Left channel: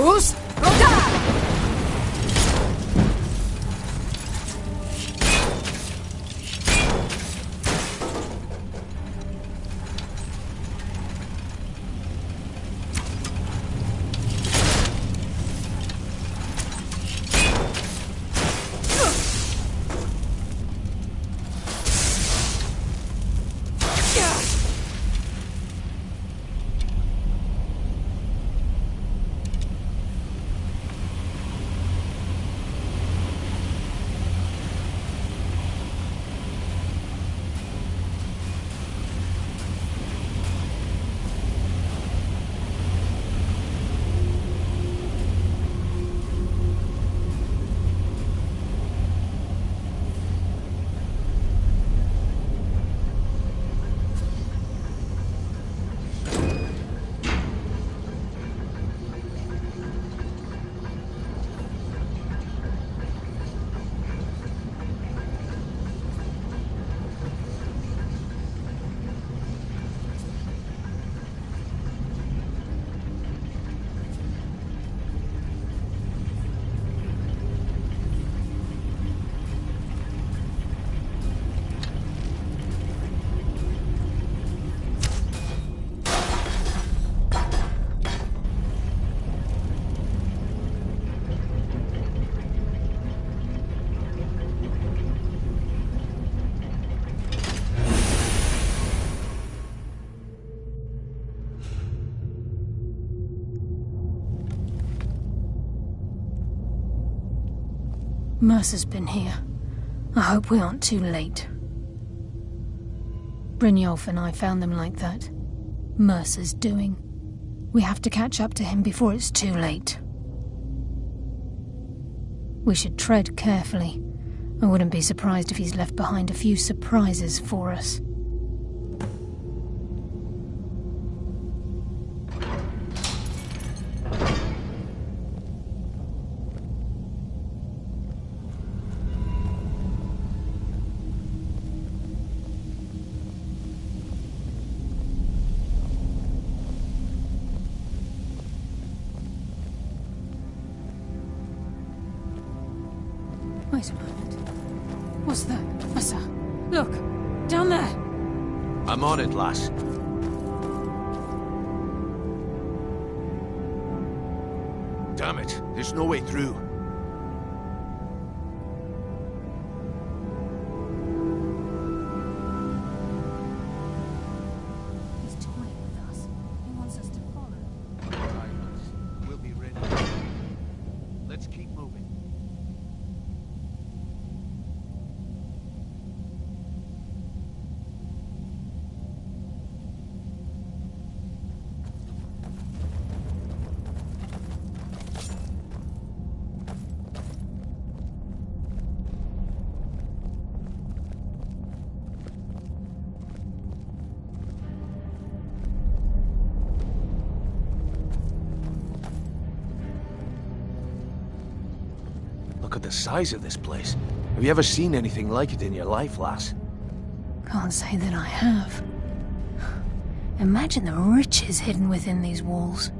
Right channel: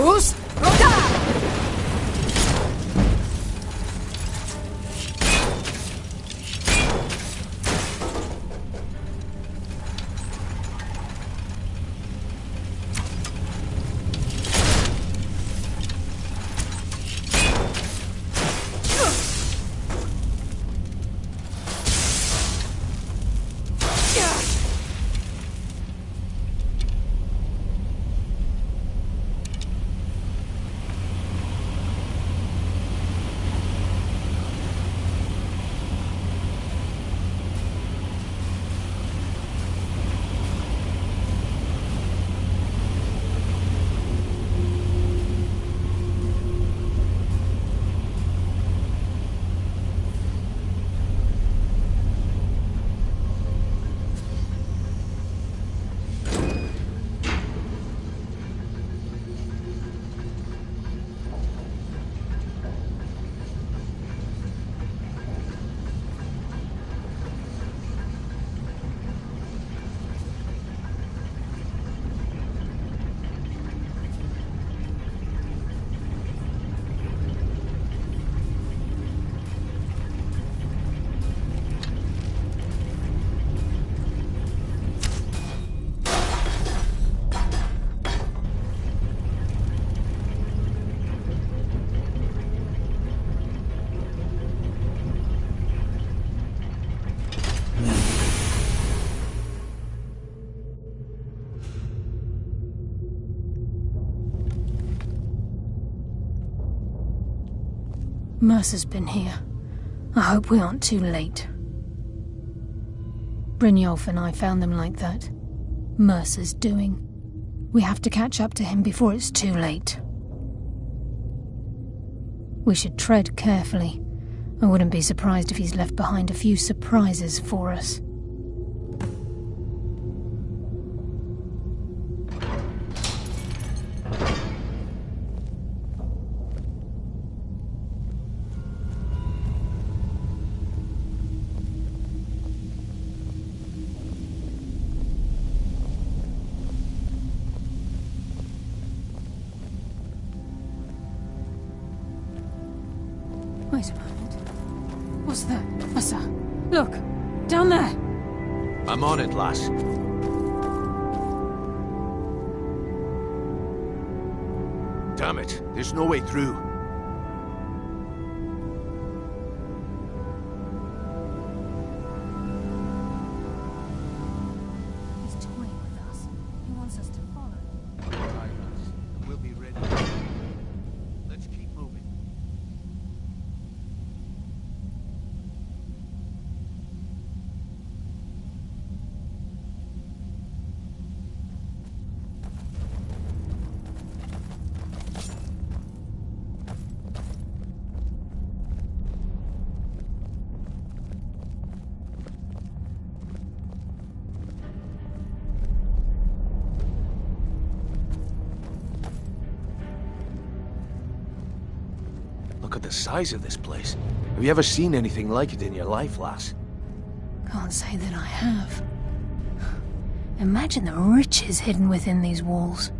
Boost! Roda! Mercer's been here. I hope we aren't too late. Brynjolf and I found them like that. Mercer's doing. We have to catch up to him before it's too late. We should tread carefully. I wouldn't be surprised if he's left behind a few surprises for us. Wait a moment. What's that? Asa, look! Down there! I'm on it, lass. Damn it, there's no way through. He's toying with us. He wants us to follow. All right, lass. We'll be ready. Let's keep moving. Look at the size of this place. Have you ever seen anything like it in your life, lass? Can't say that I have. Imagine the riches hidden within these walls.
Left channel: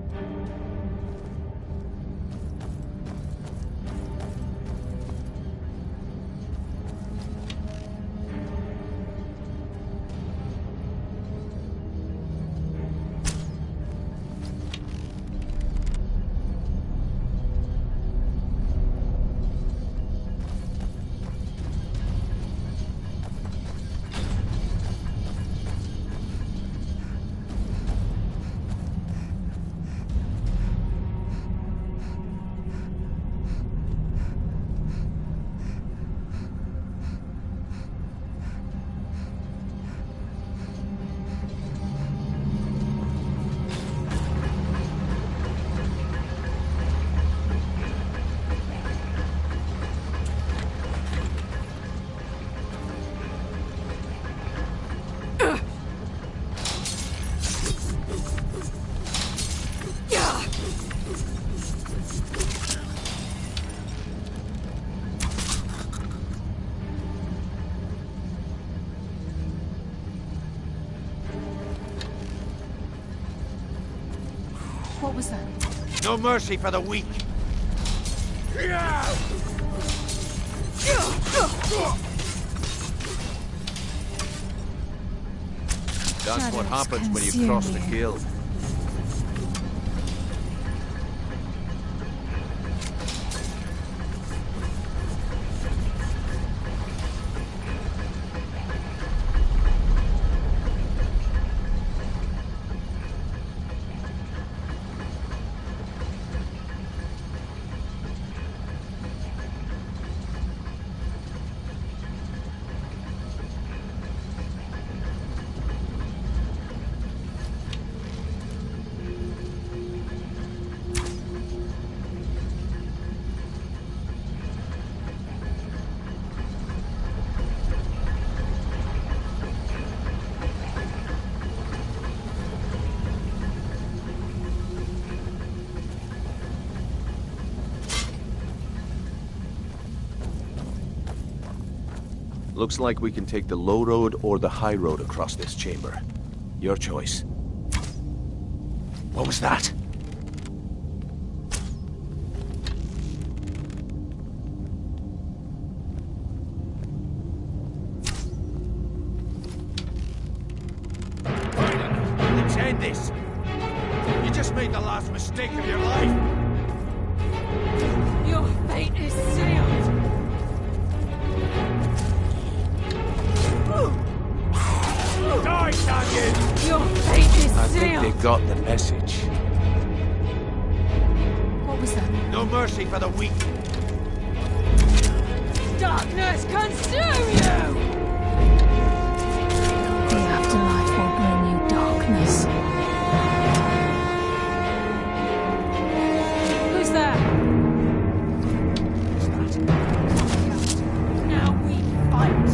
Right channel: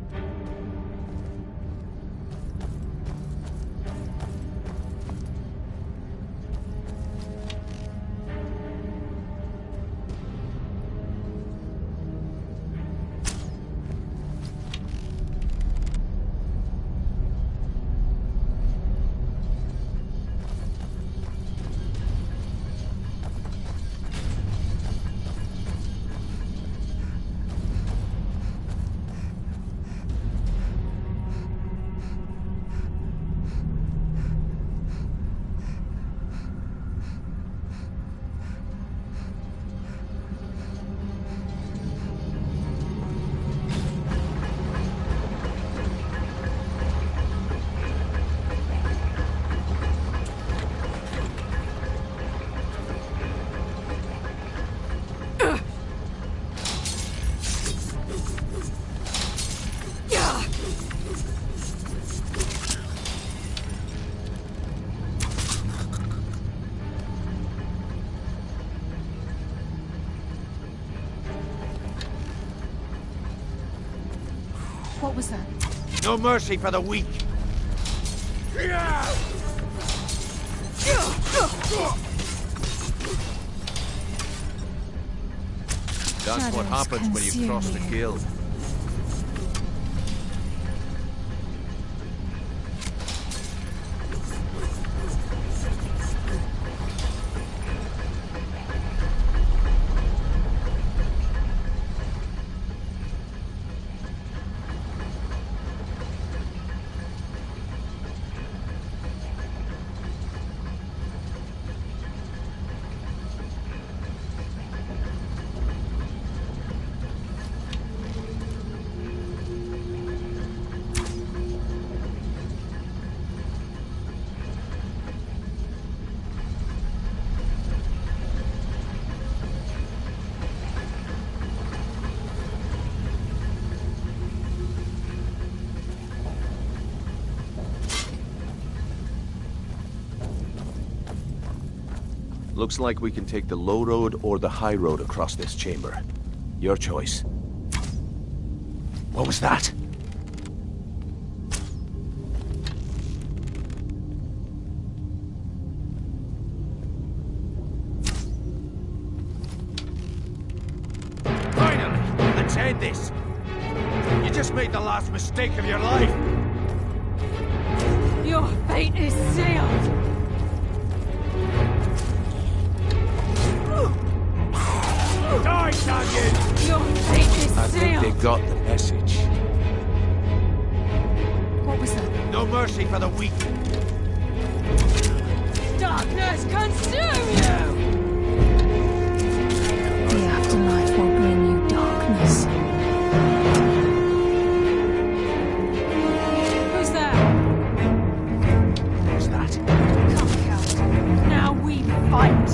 What was that? No mercy for the weak. That's what happens when you cross the guild. Looks like we can take the low road or the high road across this chamber. Your choice. What was that? Finally! Let's end this! You just made the last mistake of your life! Your fate is sealed! Die, Daniel! Your fate is sealed! I think they got the message. What was that? No mercy for the weak. Darkness consume you! The afterlife will bring you darkness. Who's there? What's that? Come, Count. Now we fight!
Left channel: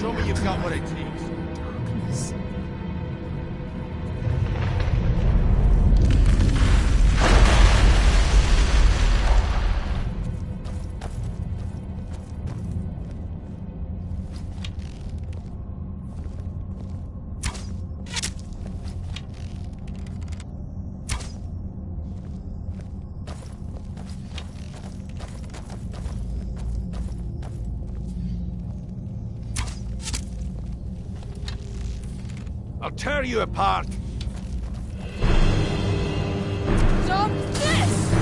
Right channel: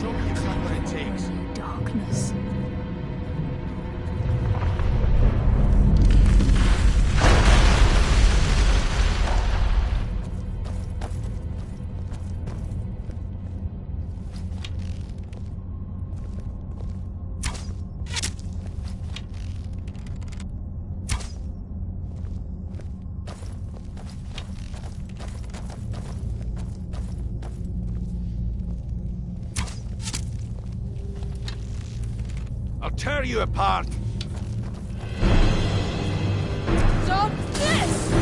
Show me you've got what it takes. Darkness. I'll tear you apart! Stop this!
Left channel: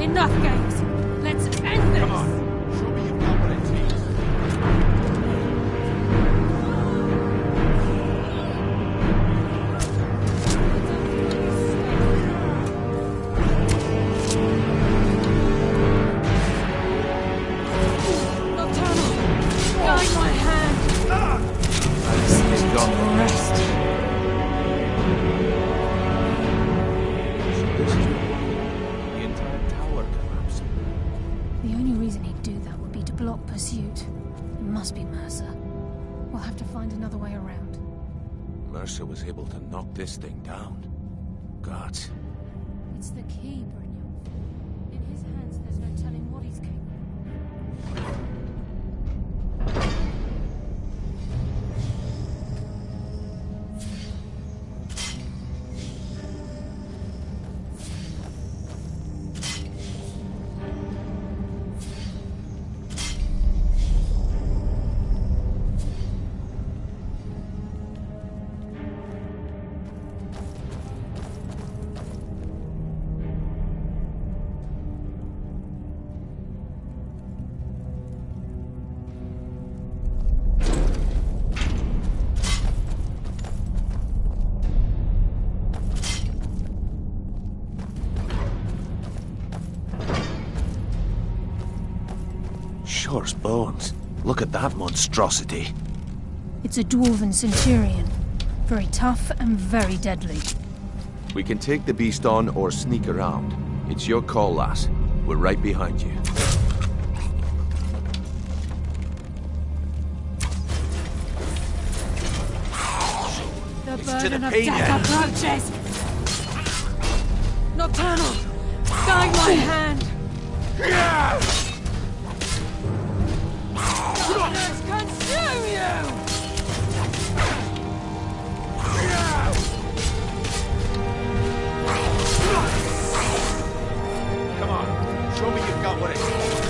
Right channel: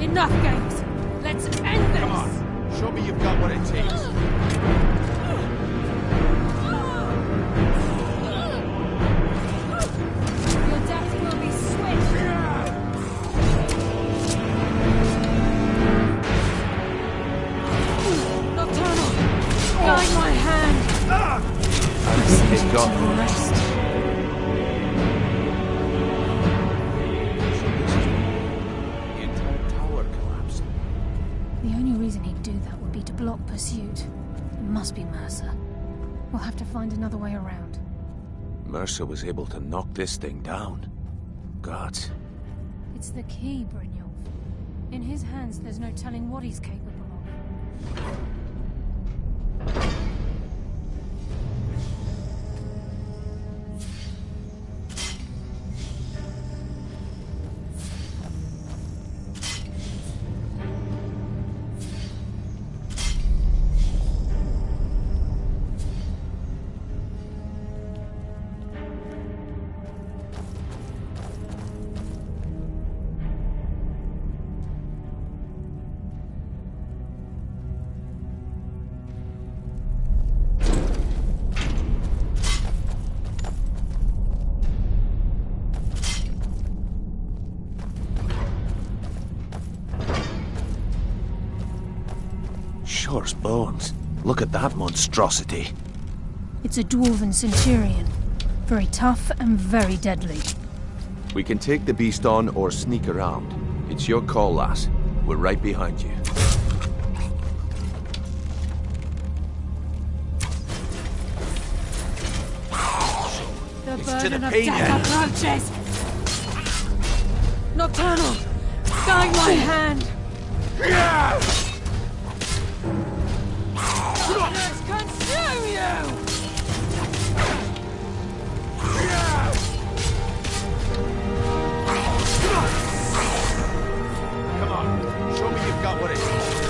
Enough games! Let's end this! Come on, show me you've got what it takes. Your death will be swift! Nocturnal! Guide my hand! I think they've got the rest. So this is the entire tower collapsing. The only reason he'd do that would be to block pursuit. It must be Mercer. We'll have to find another way around. Mercer was able to knock this thing down. Gods. It's the key, Brynjolf. In his hands, there's no telling what he's capable of. Shore's bones. Look at that monstrosity. It's a dwarven centurion. Very tough and very deadly. We can take the beast on or sneak around. It's your call, lass. We're right behind you. The It's to burden the of pain death approaches! Nocturnal! Guide my hand! Darkness consume you! Come on, show me you've got what it takes.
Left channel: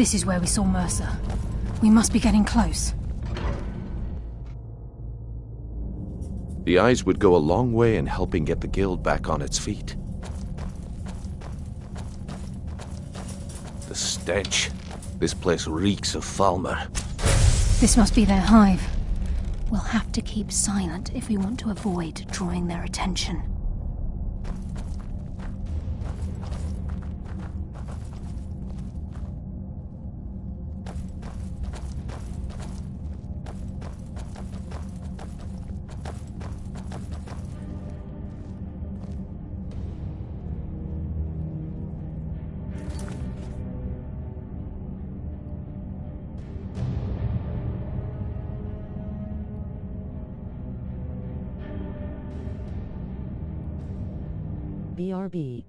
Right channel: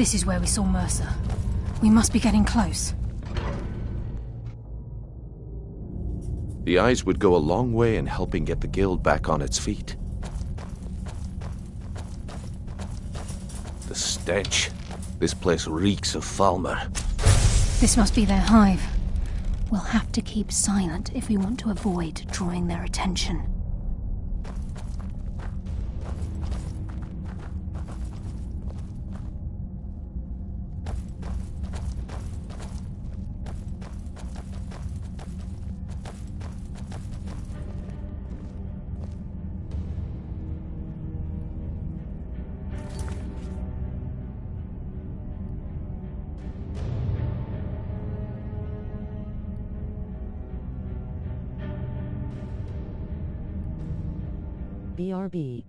This is where we saw Mercer. We must be getting close. The eyes would go a long way in helping get the guild back on its feet. The stench. This place reeks of Falmer. This must be their hive. We'll have to keep silent if we want to avoid drawing their attention. BRB.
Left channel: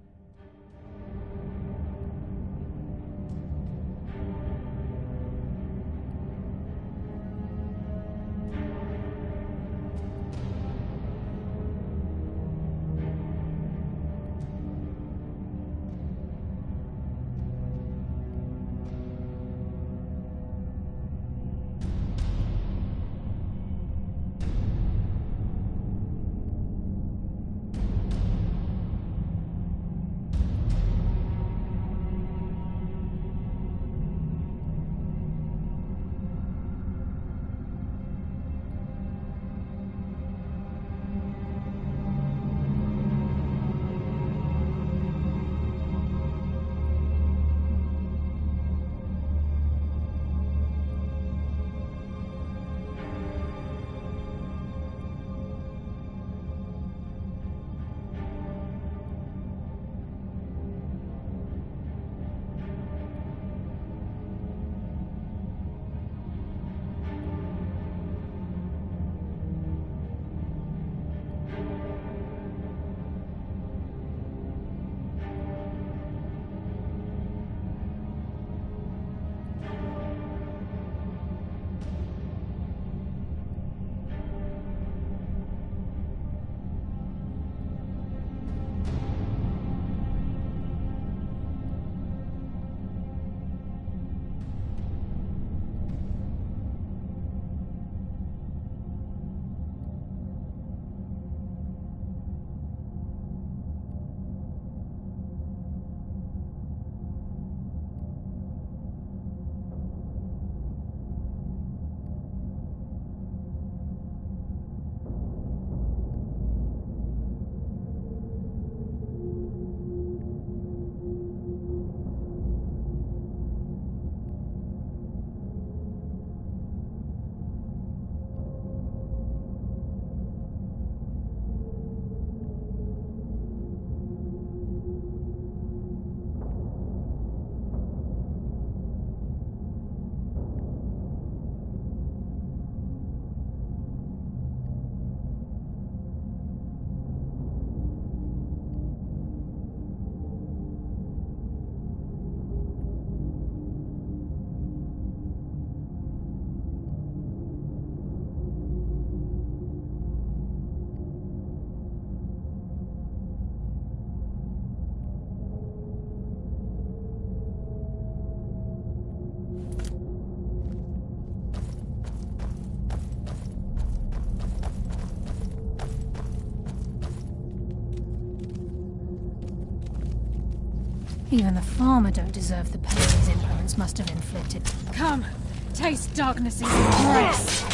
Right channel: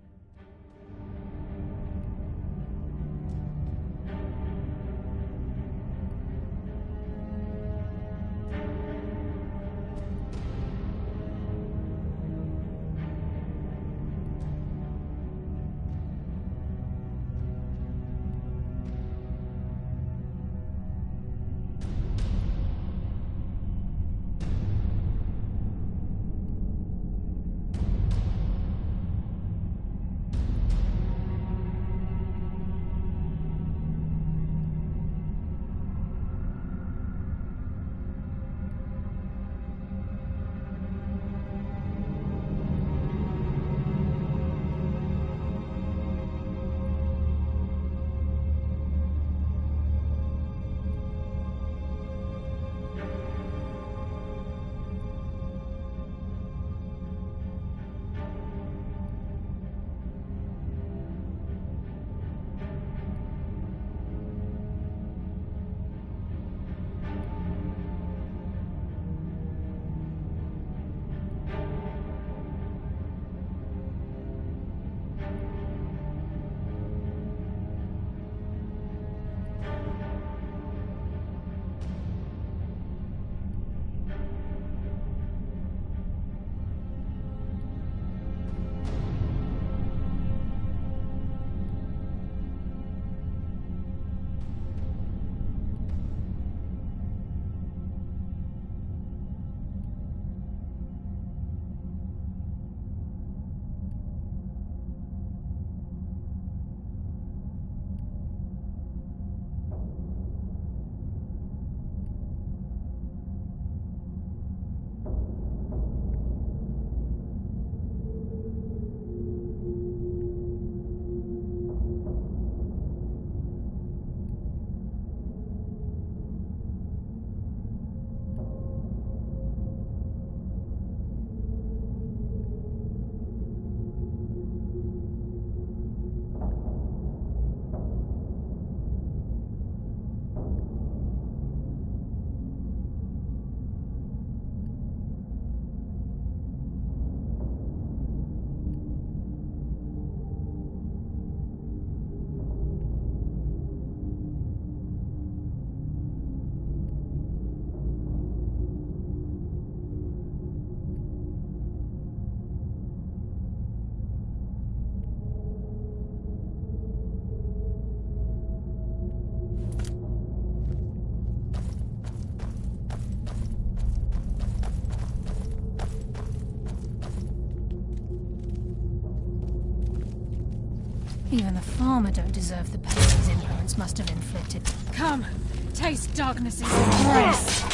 Even the farmer don't deserve the pain his implements must have inflicted. Come, taste darkness's embrace.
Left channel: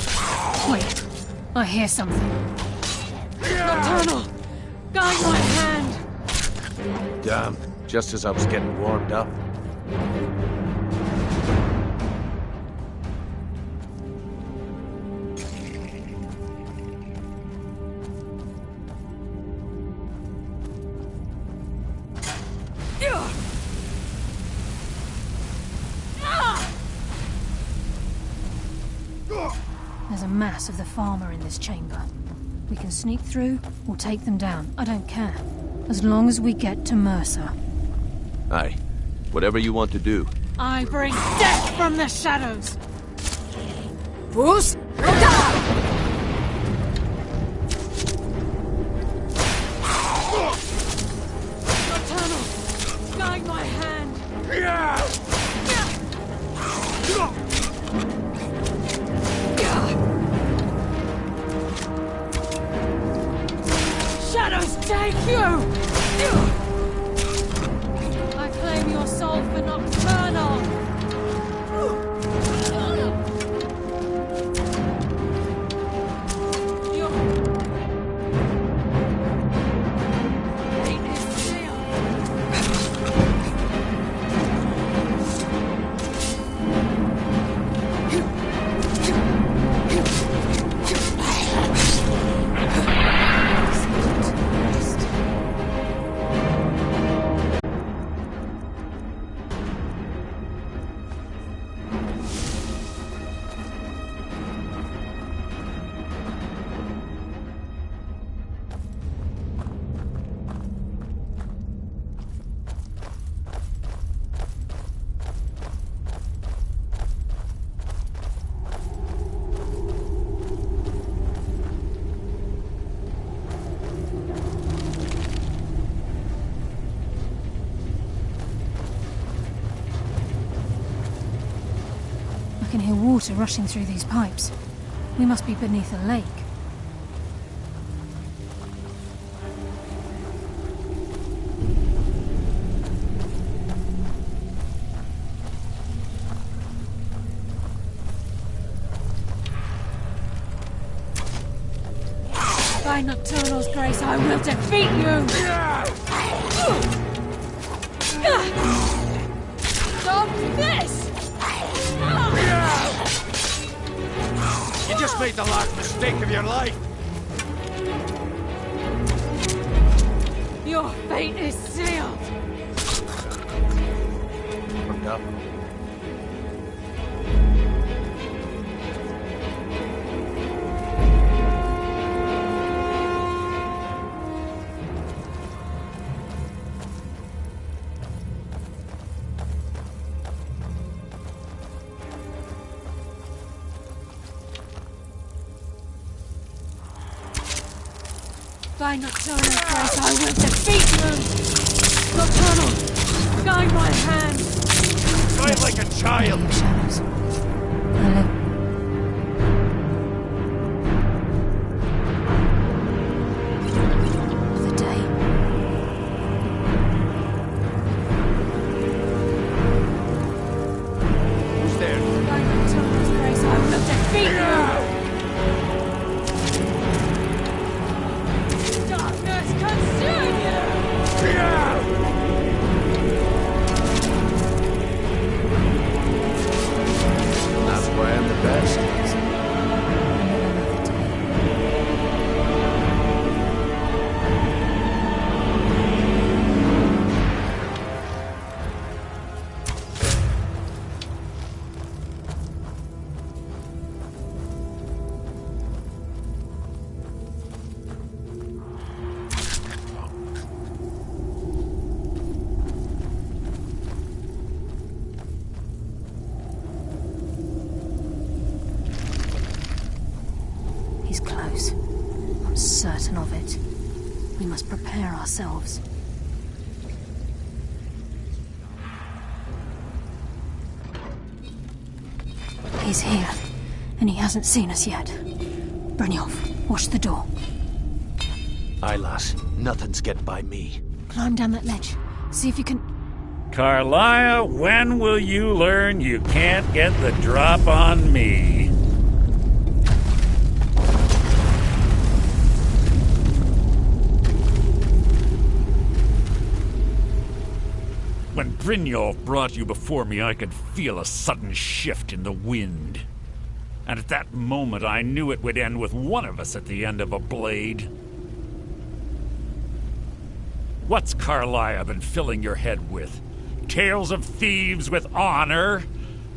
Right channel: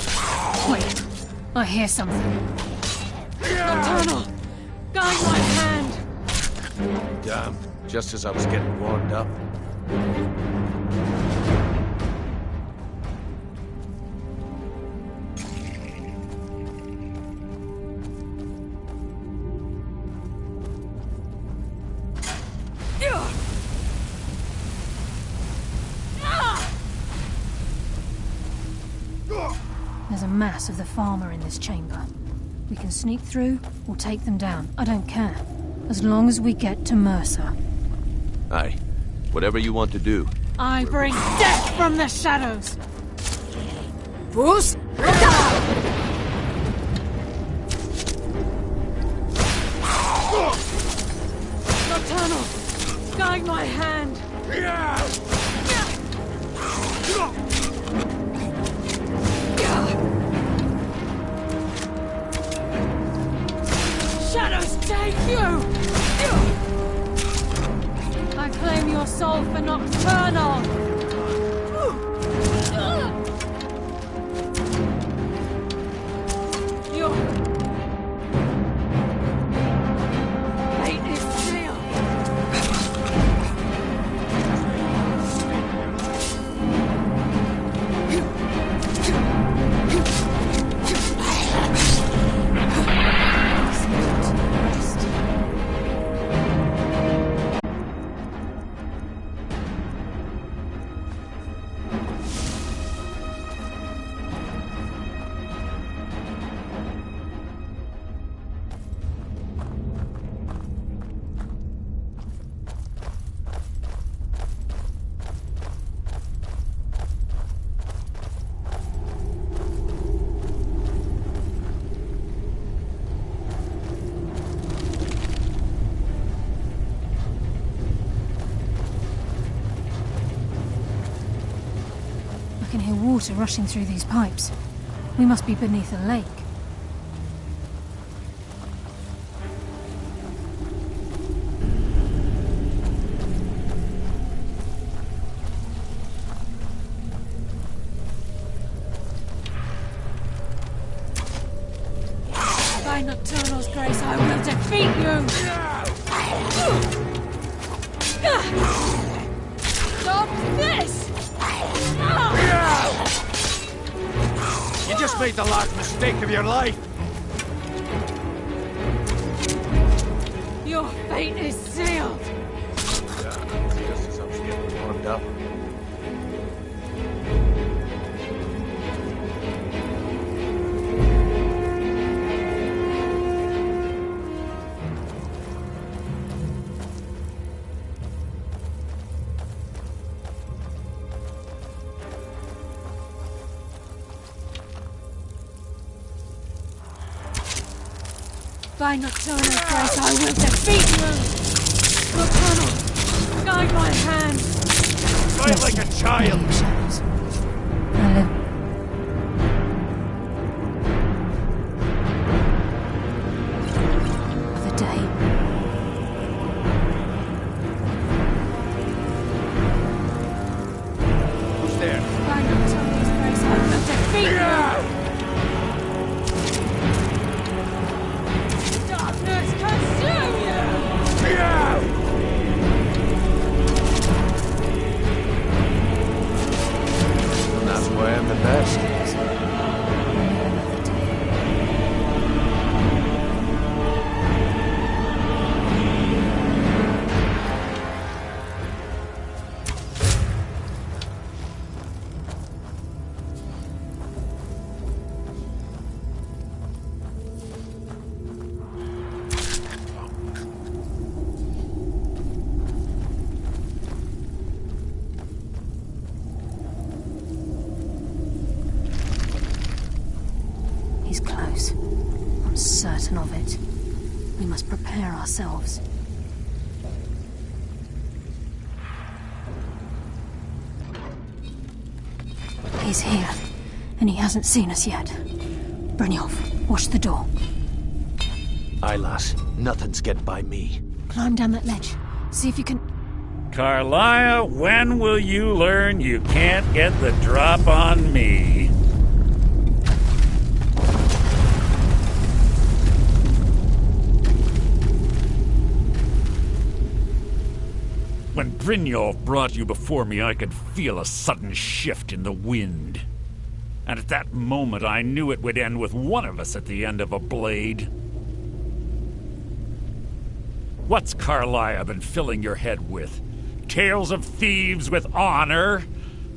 Wait, I hear something. Nocturnal, guide my hand. Damn, just as I was getting warmed up. There's a mass of the farmer in this chamber. We can sneak through or take them down. I don't care. As long as we get to Mercer. Aye. Whatever you want to do. I bring death from the shadows. Bruce, look out! Nocturnal, guide my hand. Shadows take you! I claim your soul for Nocturnal! Your fate is sealed! I can hear water rushing through these pipes. We must be beneath a lake. By Nocturnal's grace, I will defeat you! Stop this! You just made the last mistake of your life. Your fate is sealed! Warmed up. By Nocturnal's grace, I will defeat you! Nocturnal, guide my hand! Fight like a child! Leave shadows. I live. For the day. Who's there? By Nocturnal's grace, I will defeat you! Darkness consume you! And that's why I'm the best. I live another day. He's close. I'm certain of it. We must prepare ourselves. He's here, and he hasn't seen us yet. Brynjolf, watch the door. Aye, lass. Nothing's getting by me. Climb down that ledge. See if you can... Carlia, when will you learn you can't get the drop on me? When Brynjolf brought you before me, I could feel a sudden shift in the wind. And at that moment, I knew it would end with one of us at the end of a blade. What's Carlia been filling your head with? Tales of thieves with honor?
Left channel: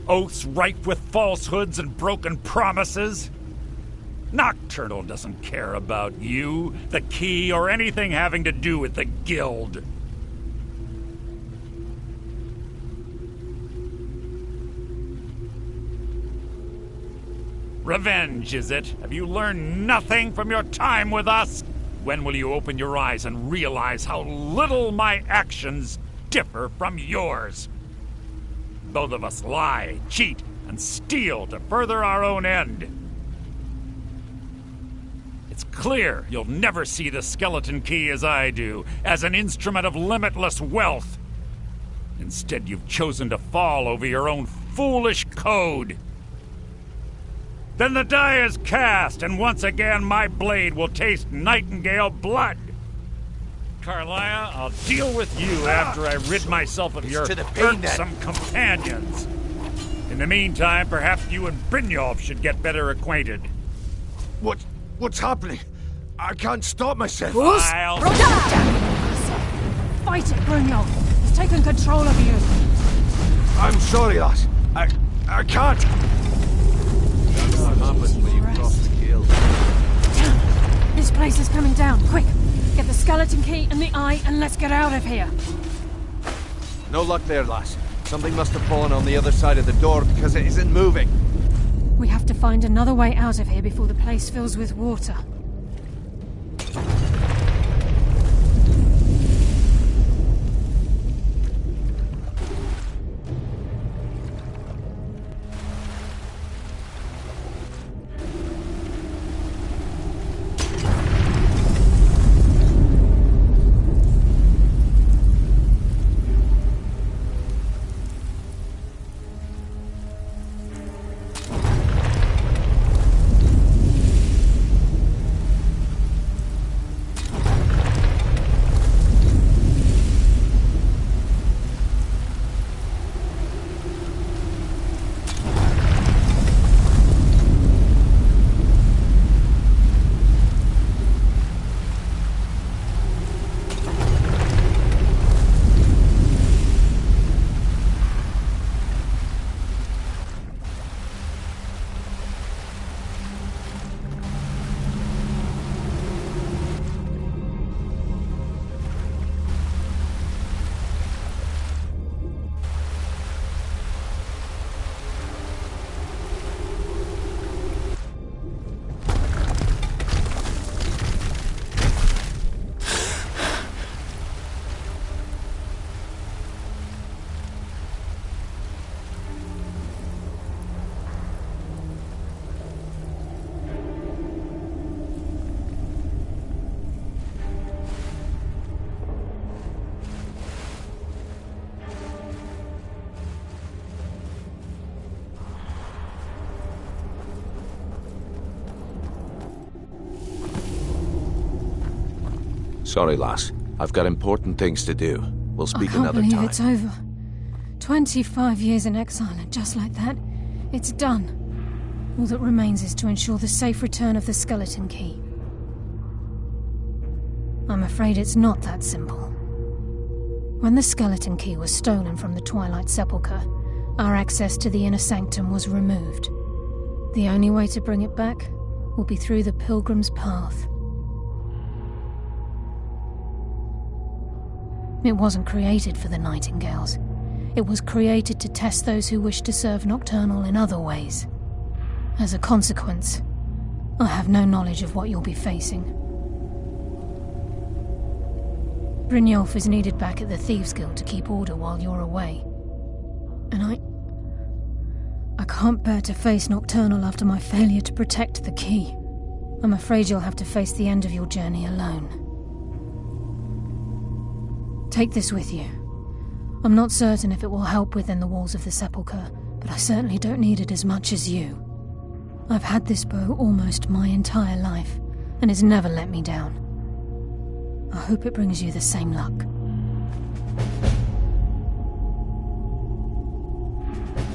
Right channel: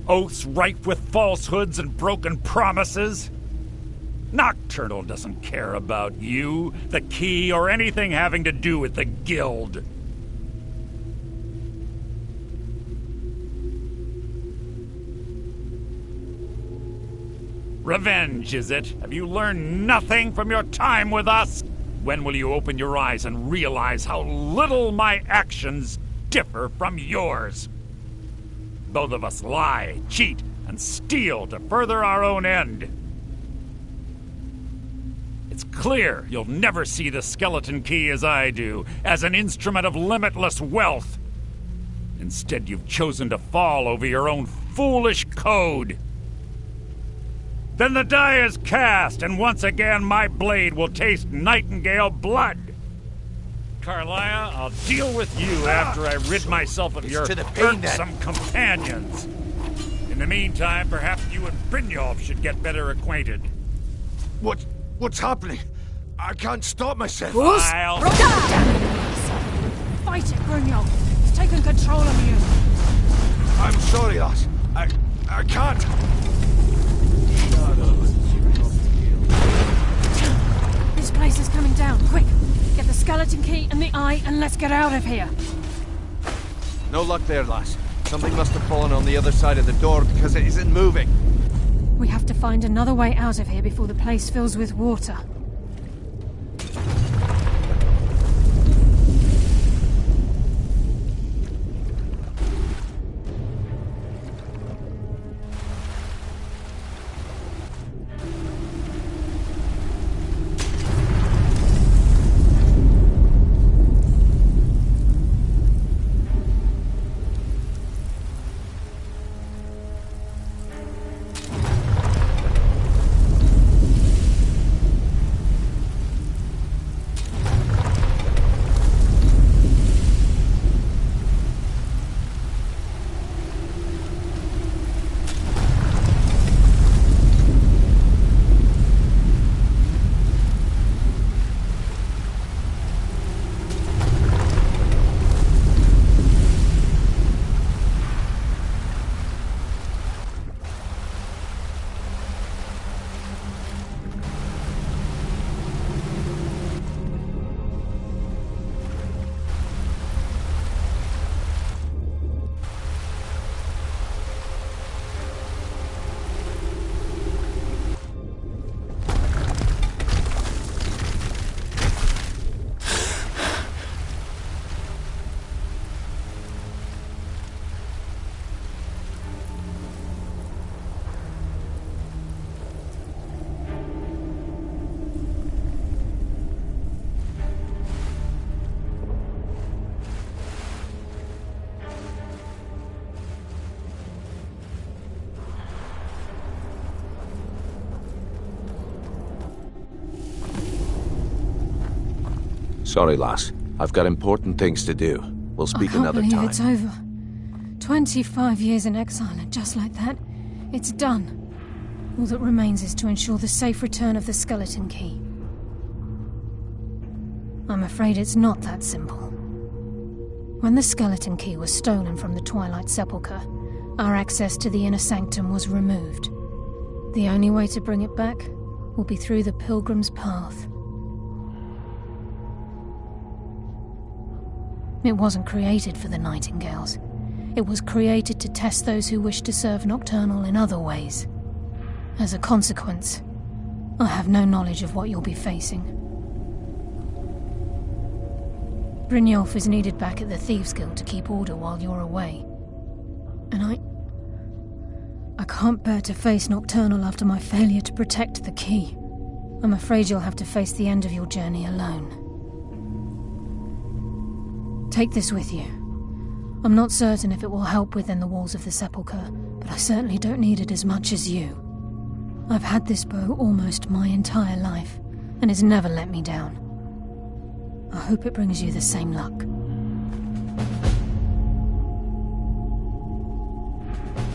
Oaths rife with falsehoods and broken promises? Nocturnal doesn't care about you, the key, or anything having to do with the guild. Revenge, is it? Have you learned nothing from your time with us? When will you open your eyes and realize how little my actions differ from yours? Both of us lie, cheat, and steal to further our own end. It's clear you'll never see the skeleton key as I do, as an instrument of limitless wealth. Instead, you've chosen to fall over your own foolish code. Then the die is cast, and once again my blade will taste nightingale blood. Carlia, I'll deal with you after I rid myself of your irksome companions. In the meantime, perhaps you and Brynjolf should get better acquainted. What's happening? I can't stop myself. I'll... Fight it, Brynjolf. He's taken control of you. I'm sorry, lass. I can't. This place is coming down. Quick! Get the skeleton key and the eye and let's get out of here. No luck there, lass. Something must have fallen on the other side of the door because it isn't moving. We have to find another way out of here before the place fills with water. Sorry, lass. I've got important things to do. We'll speak another time. I can't believe it's over. 25 years in exile, and just like that, it's done. All that remains is to ensure the safe return of the skeleton key. I'm afraid it's not that simple. When the skeleton key was stolen from the Twilight Sepulchre, our access to the inner sanctum was removed. The only way to bring it back will be through the Pilgrim's Path. It wasn't created for the Nightingales. It was created to test those who wish to serve Nocturnal in other ways. As a consequence, I have no knowledge of what you'll be facing. Brynjolf is needed back at the Thieves' Guild to keep order while you're away. And I can't bear to face Nocturnal after my failure to protect the key. I'm afraid you'll have to face the end of your journey alone. Take this with you. I'm not certain if it will help within the walls of the sepulchre, but I certainly don't need it as much as you. I've had this bow almost my entire life, and it's never let me down. I hope it brings you the same luck.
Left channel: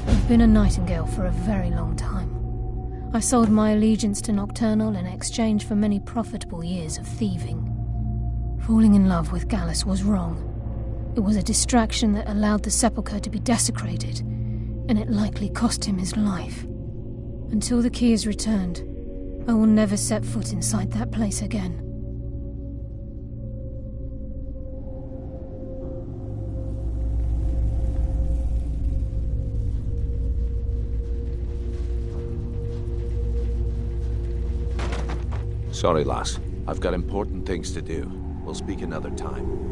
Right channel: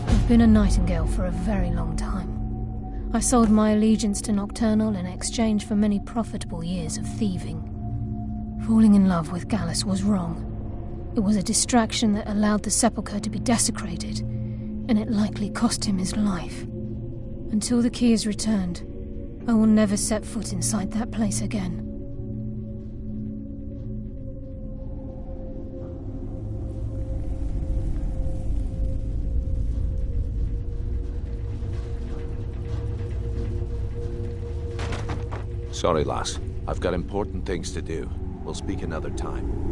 I've been a nightingale for a very long time. I sold my allegiance to Nocturnal in exchange for many profitable years of thieving. Falling in love with Gallus was wrong. It was a distraction that allowed the sepulchre to be desecrated, and it likely cost him his life. Until the key is returned, I will never set foot inside that place again. Sorry, lass. I've got important things to do. We'll speak another time.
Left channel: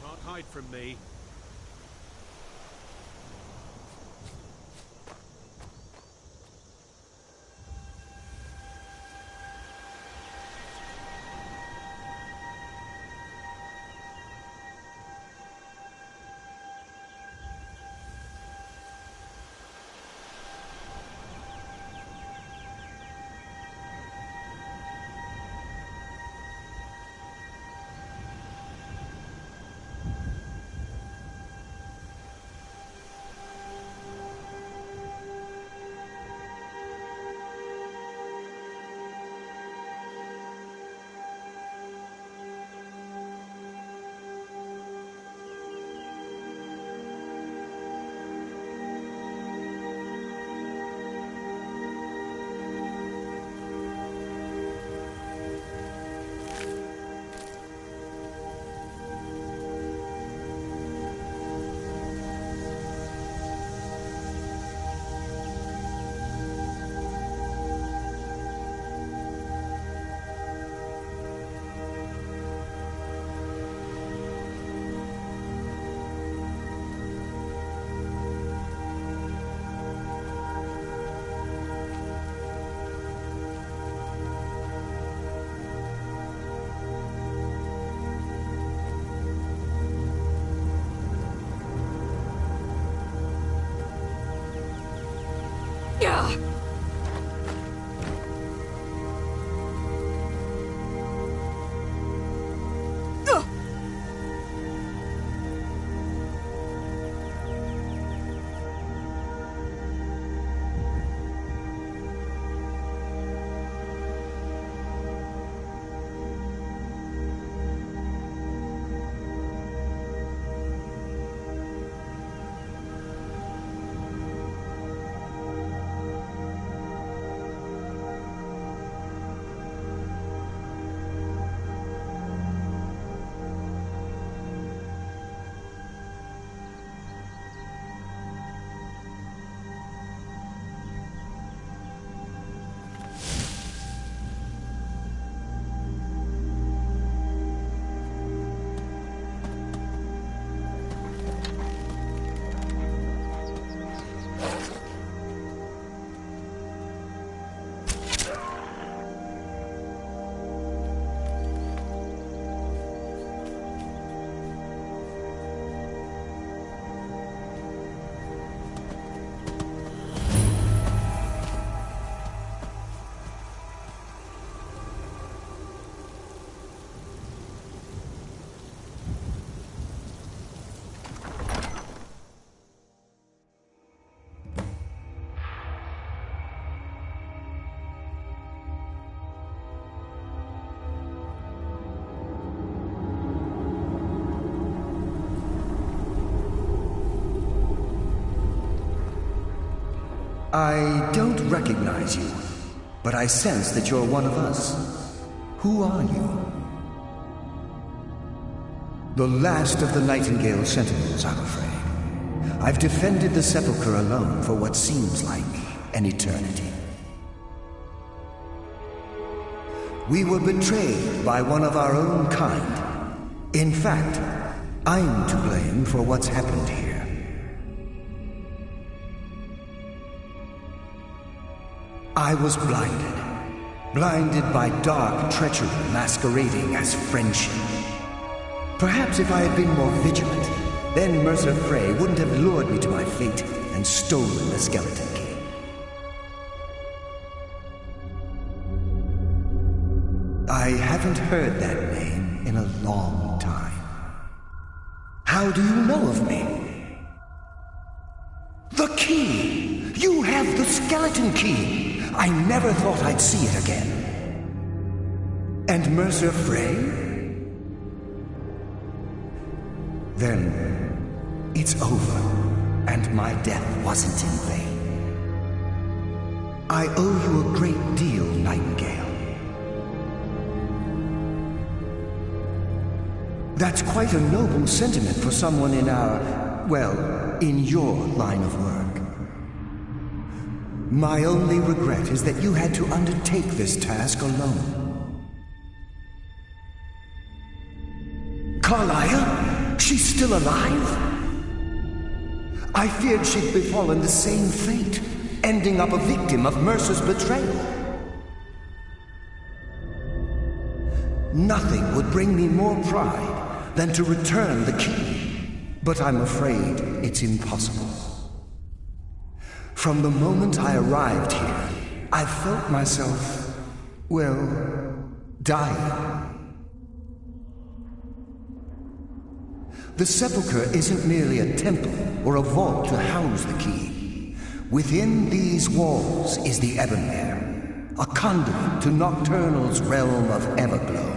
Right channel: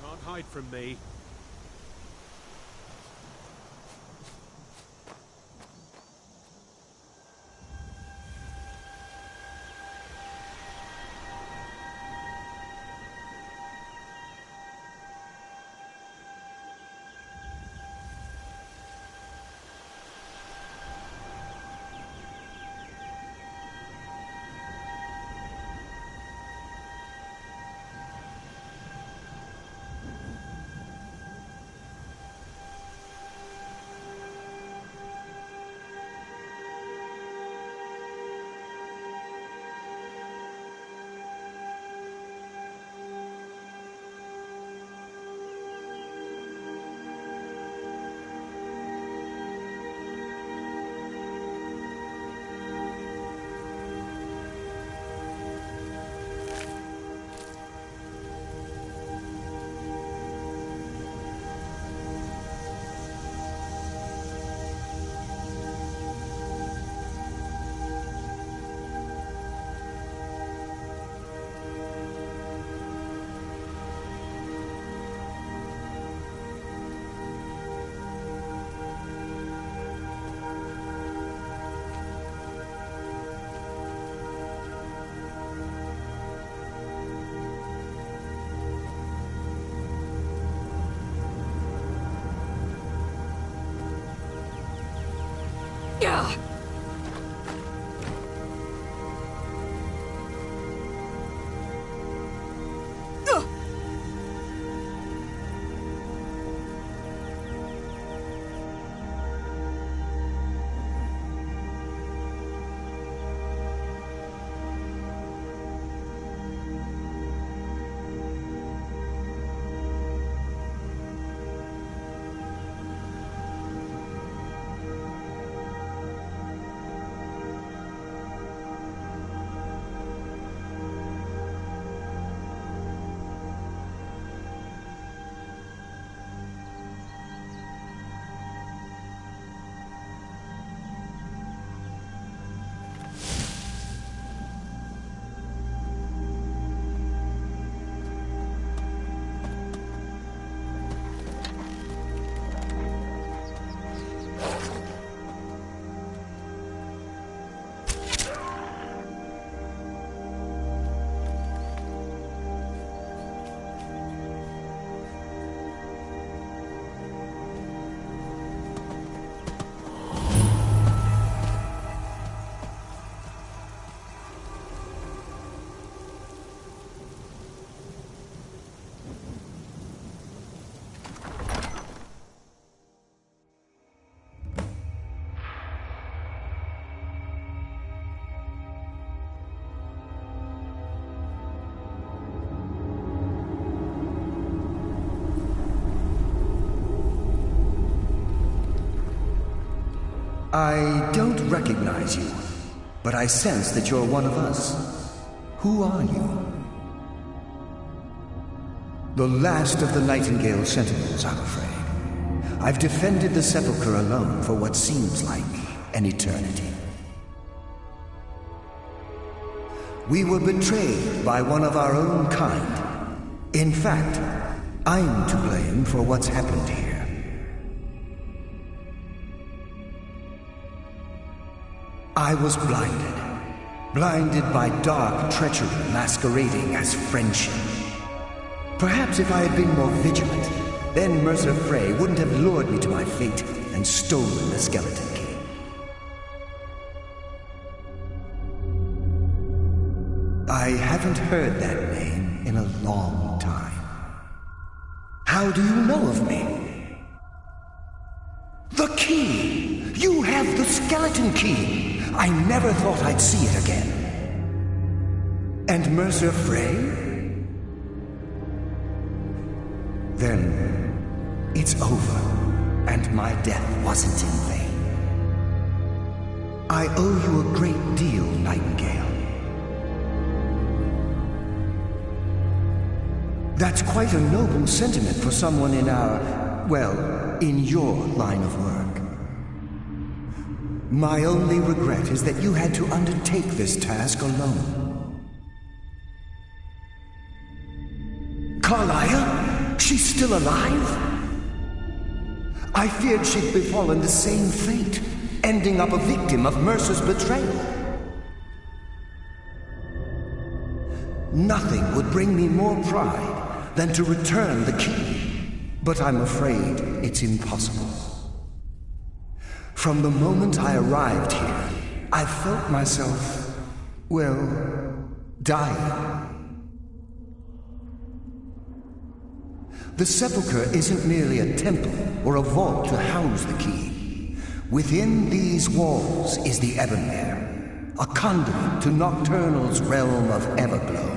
Can't hide from me. Yeah. I don't recognize you, but I sense that you're one of us. Who are you? The last of the Nightingale Sentinels, I'm afraid. I've defended the Sepulchre alone for what seems like an eternity. We were betrayed by one of our own kind. In fact, I'm to blame for what's happened here. I was blinded by dark treachery masquerading as friendship. Perhaps if I had been more vigilant, then Mercer Frey wouldn't have lured me to my fate and stolen the skeleton key. I haven't heard that name in a long time. How do you know of me? The key! You have the skeleton key! I never thought I'd see it again. And Mercer Frey? Then it's over, and my death wasn't in vain. I owe you a great deal, Nightingale. That's quite a noble sentiment for someone in in your line of work. My only regret is that you had to undertake this task alone. Carlia? She's still alive? I feared she'd befallen the same fate, ending up a victim of Mercer's betrayal. Nothing would bring me more pride than to return the key, but I'm afraid it's impossible. From the moment I arrived here, I felt myself, dying. The Sepulchre isn't merely a temple or a vault to house the key. Within these walls is the Ebonmere, a conduit to Nocturnal's realm of Everglow.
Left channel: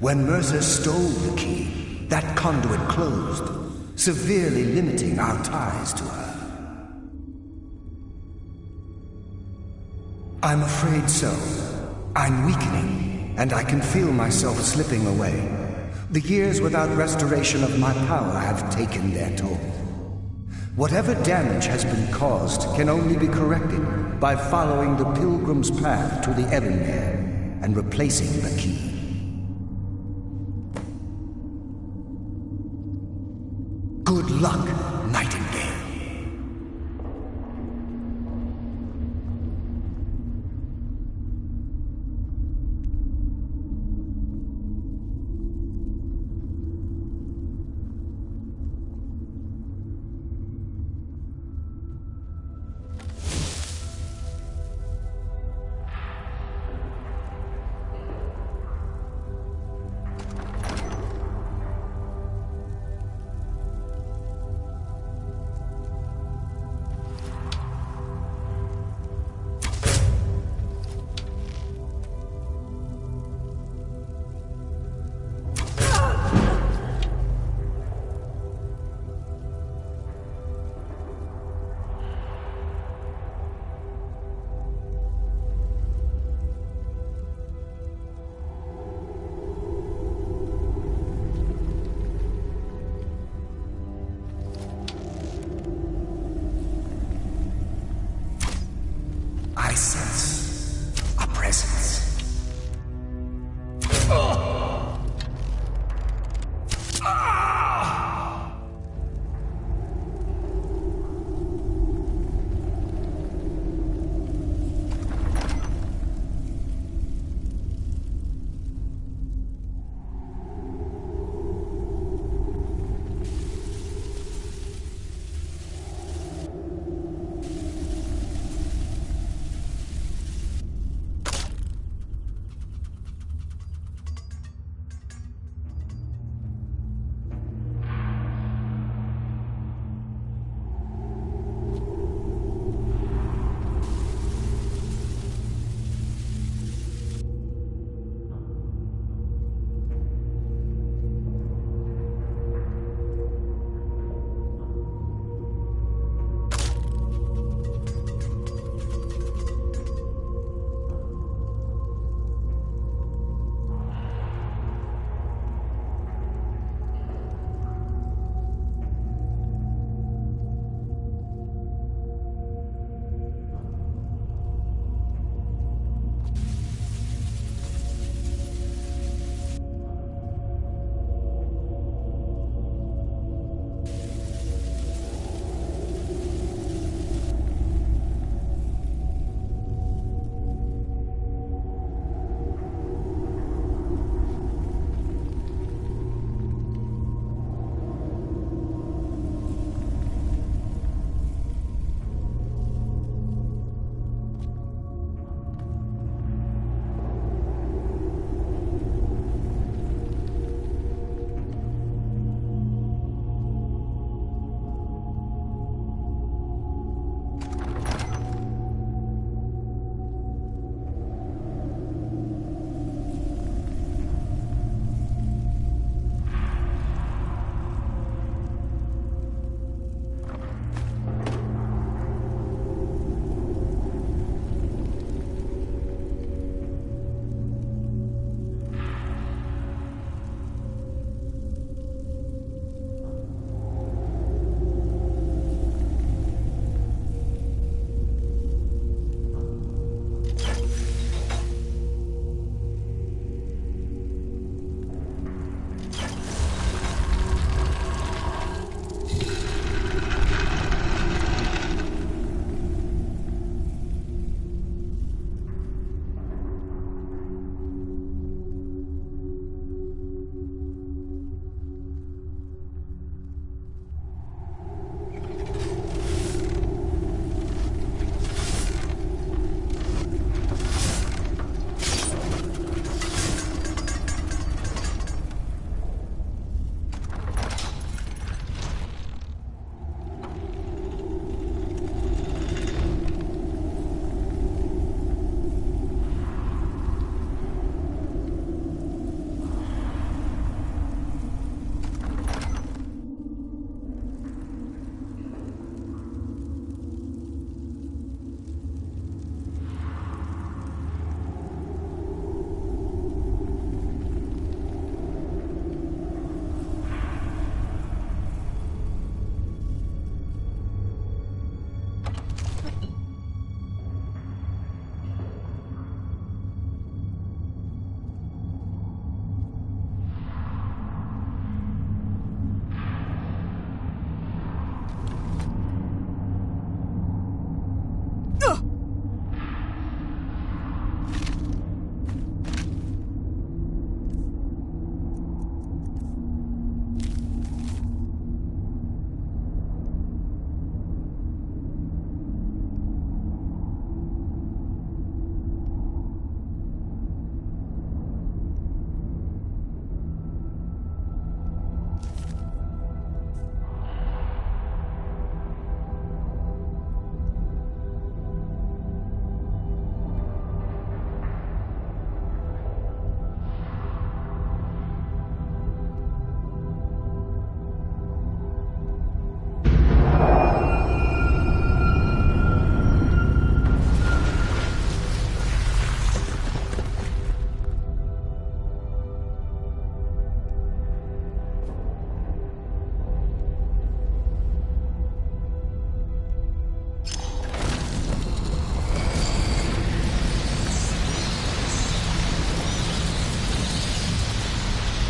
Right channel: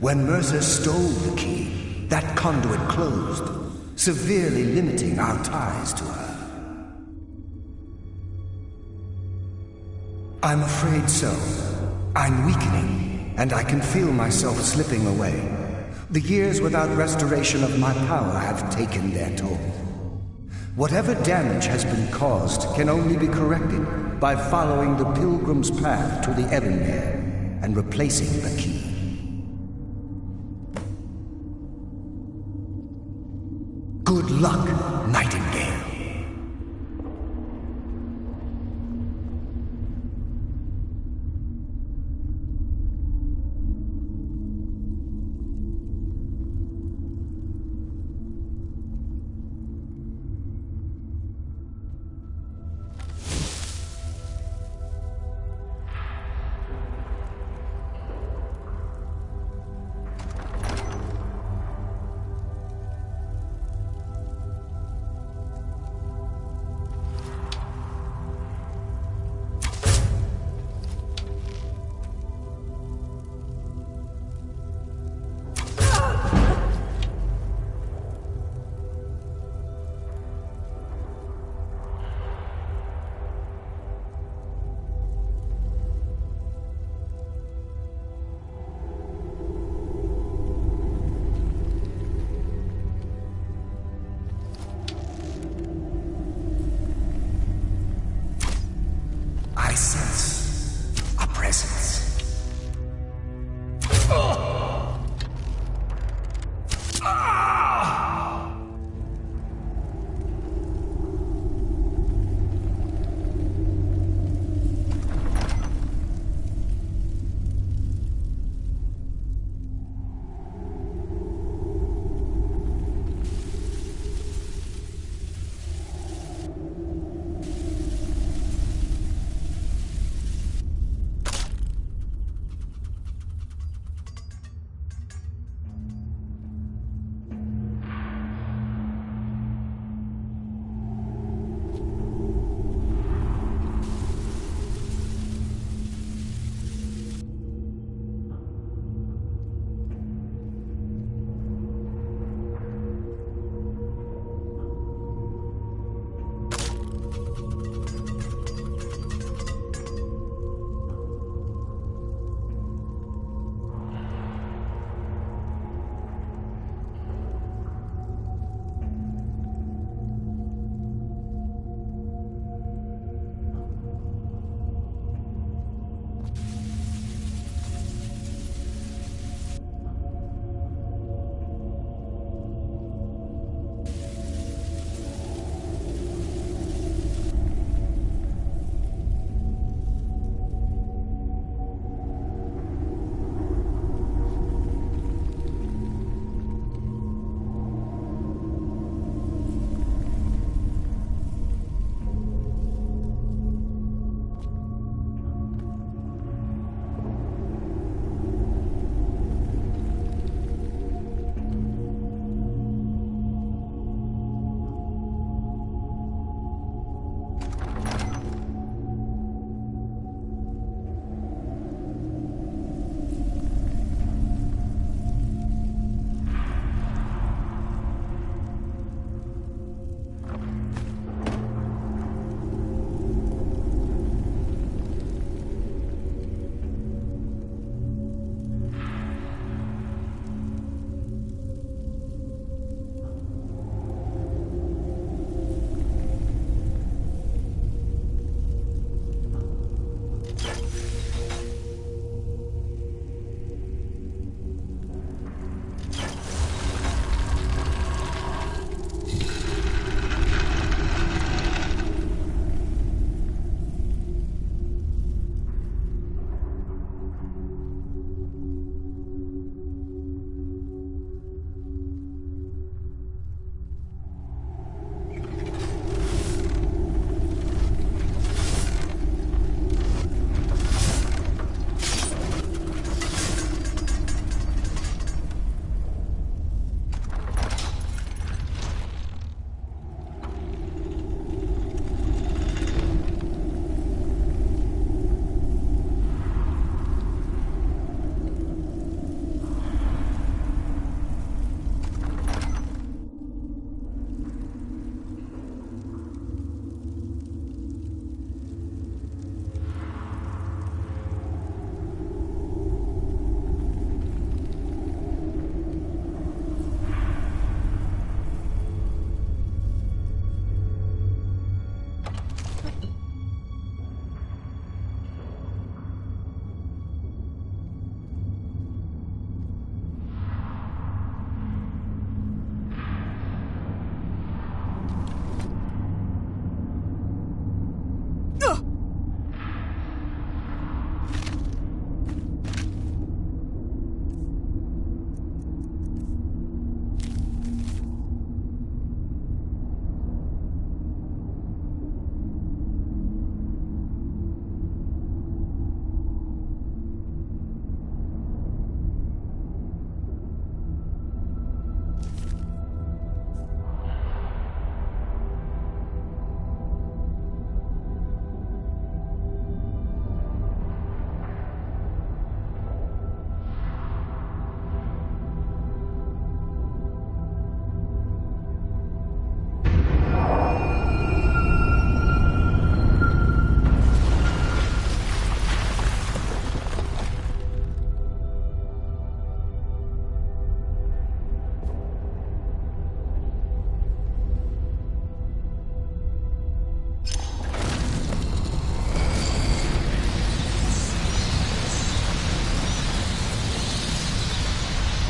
When Mercer stole the key, that conduit closed, severely limiting our ties to her. I'm afraid so. I'm weakening, and I can feel myself slipping away. The years without restoration of my power have taken their toll. Whatever damage has been caused can only be corrected by following the Pilgrim's path to the Ebonmere and replacing the key. Good luck, Nightingale.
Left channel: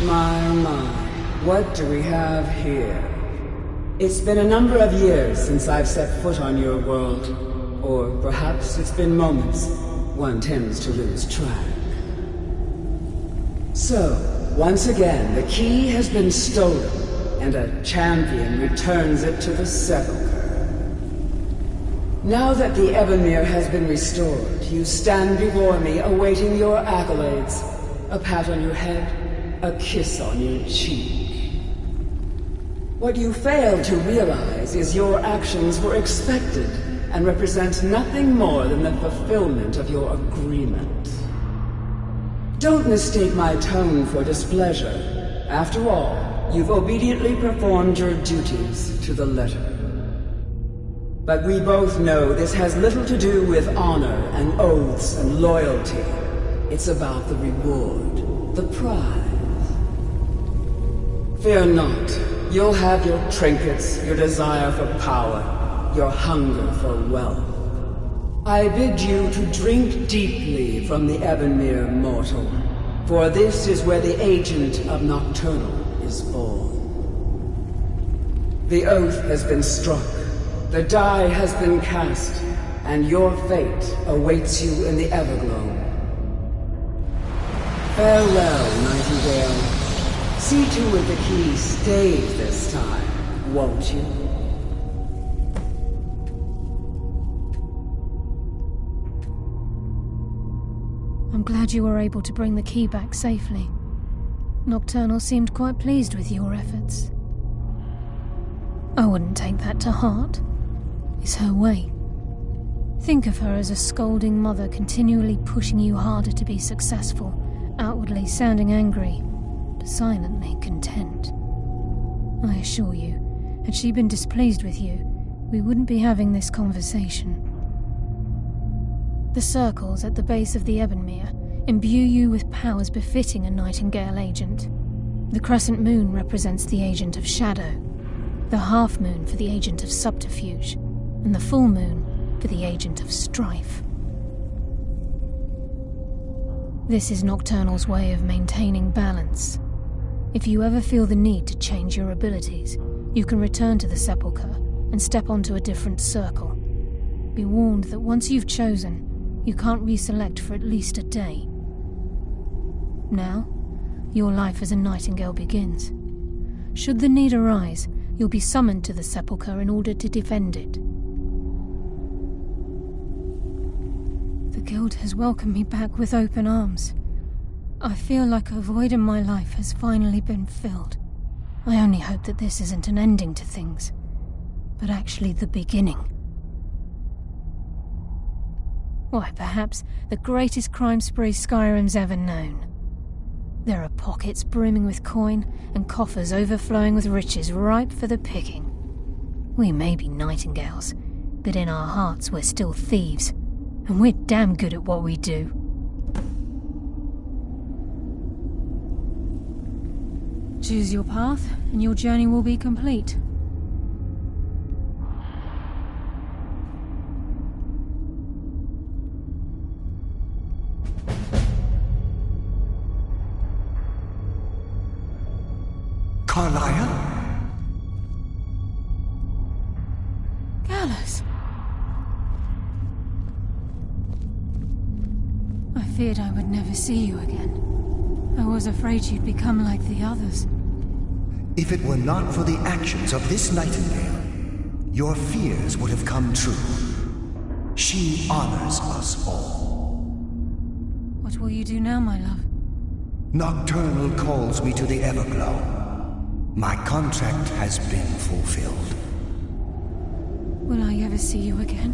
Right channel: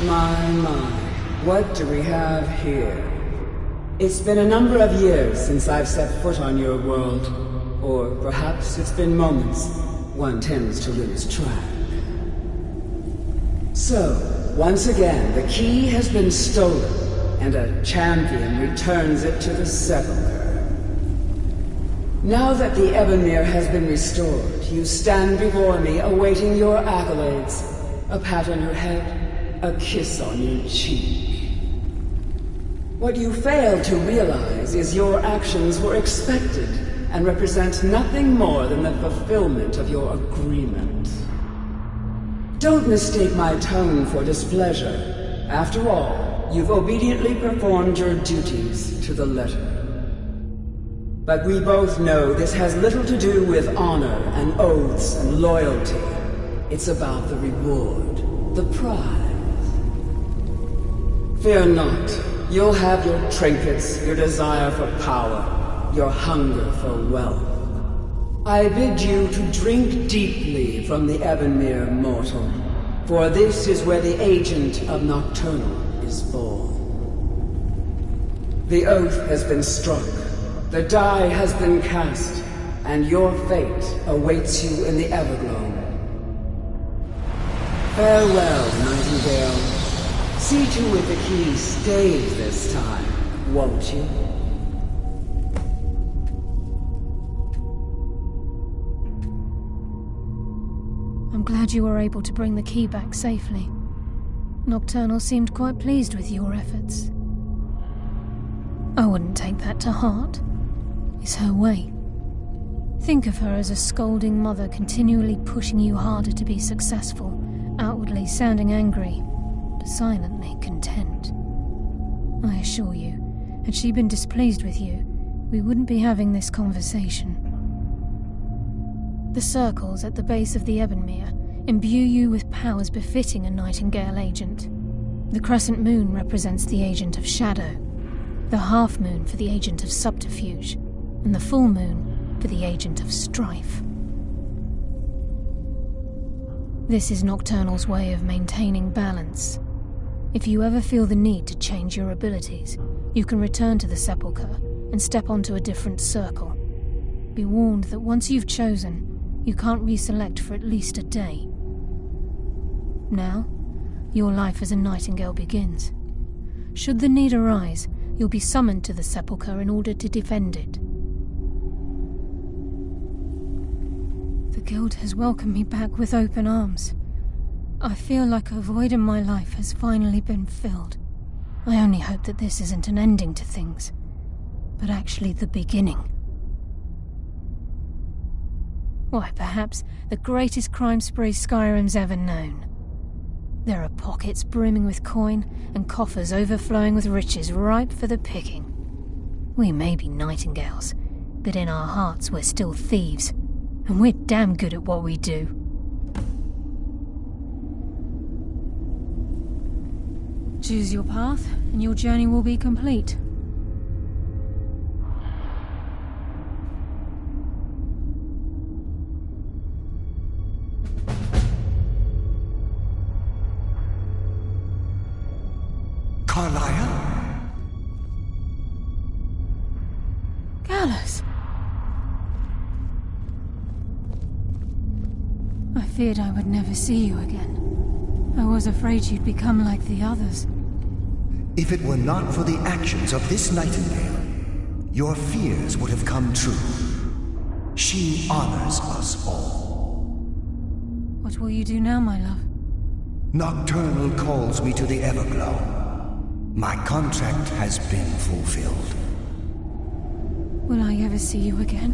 My, what do we have here? It's been a number of years since I've set foot on your world. Or perhaps it's been moments. One tends to lose track. So, once again, the key has been stolen, and a champion returns it to the Sepulchre. Now that the Ebonmere has been restored, you stand before me awaiting your accolades. A pat on your head, a kiss on your cheek. What you fail to realize is your actions were expected and represent nothing more than the fulfillment of your agreement. Don't mistake my tone for displeasure. After all, you've obediently performed your duties to the letter. But we both know this has little to do with honor and oaths and loyalty. It's about the reward, the prize. Fear not. You'll have your trinkets, your desire for power, your hunger for wealth. I bid you to drink deeply from the Ebonmere mortal, for this is where the agent of Nocturnal is born. The oath has been struck, the die has been cast, and your fate awaits you in the Everglow. Farewell, Nightingale. See to it the key stays this time, won't you? I'm glad you were able to bring the key back safely. Nocturnal seemed quite pleased with your efforts. I wouldn't take that to heart. It's her way. Think of her as a scolding mother continually pushing you harder to be successful, outwardly sounding angry, but silently content. I assure you, had she been displeased with you, we wouldn't be having this conversation. The circles at the base of the Ebonmere imbue you with powers befitting a Nightingale agent. The crescent moon represents the agent of shadow, the half moon for the agent of subterfuge, and the full moon for the agent of strife. This is Nocturnal's way of maintaining balance. If you ever feel the need to change your abilities, you can return to the Sepulchre and step onto a different circle. Be warned that once you've chosen, you can't reselect for at least a day. Now, your life as a Nightingale begins. Should the need arise, you'll be summoned to the Sepulchre in order to defend it. The Guild has welcomed me back with open arms. I feel like a void in my life has finally been filled. I only hope that this isn't an ending to things, but actually the beginning. Why, perhaps the greatest crime spree Skyrim's ever known. There are pockets brimming with coin and coffers overflowing with riches ripe for the picking. We may be Nightingales, but in our hearts we're still thieves, and we're damn good at what we do. Choose your path, and your journey will be complete. Carlisle? Gallus! I feared I would never see you again. I was afraid you'd become like the others. If it were not for the actions of this Nightingale, your fears would have come true. She honors us all. What will you do now, my love? Nocturnal calls me to the Everglow. My contract has been fulfilled. Will I ever see you again?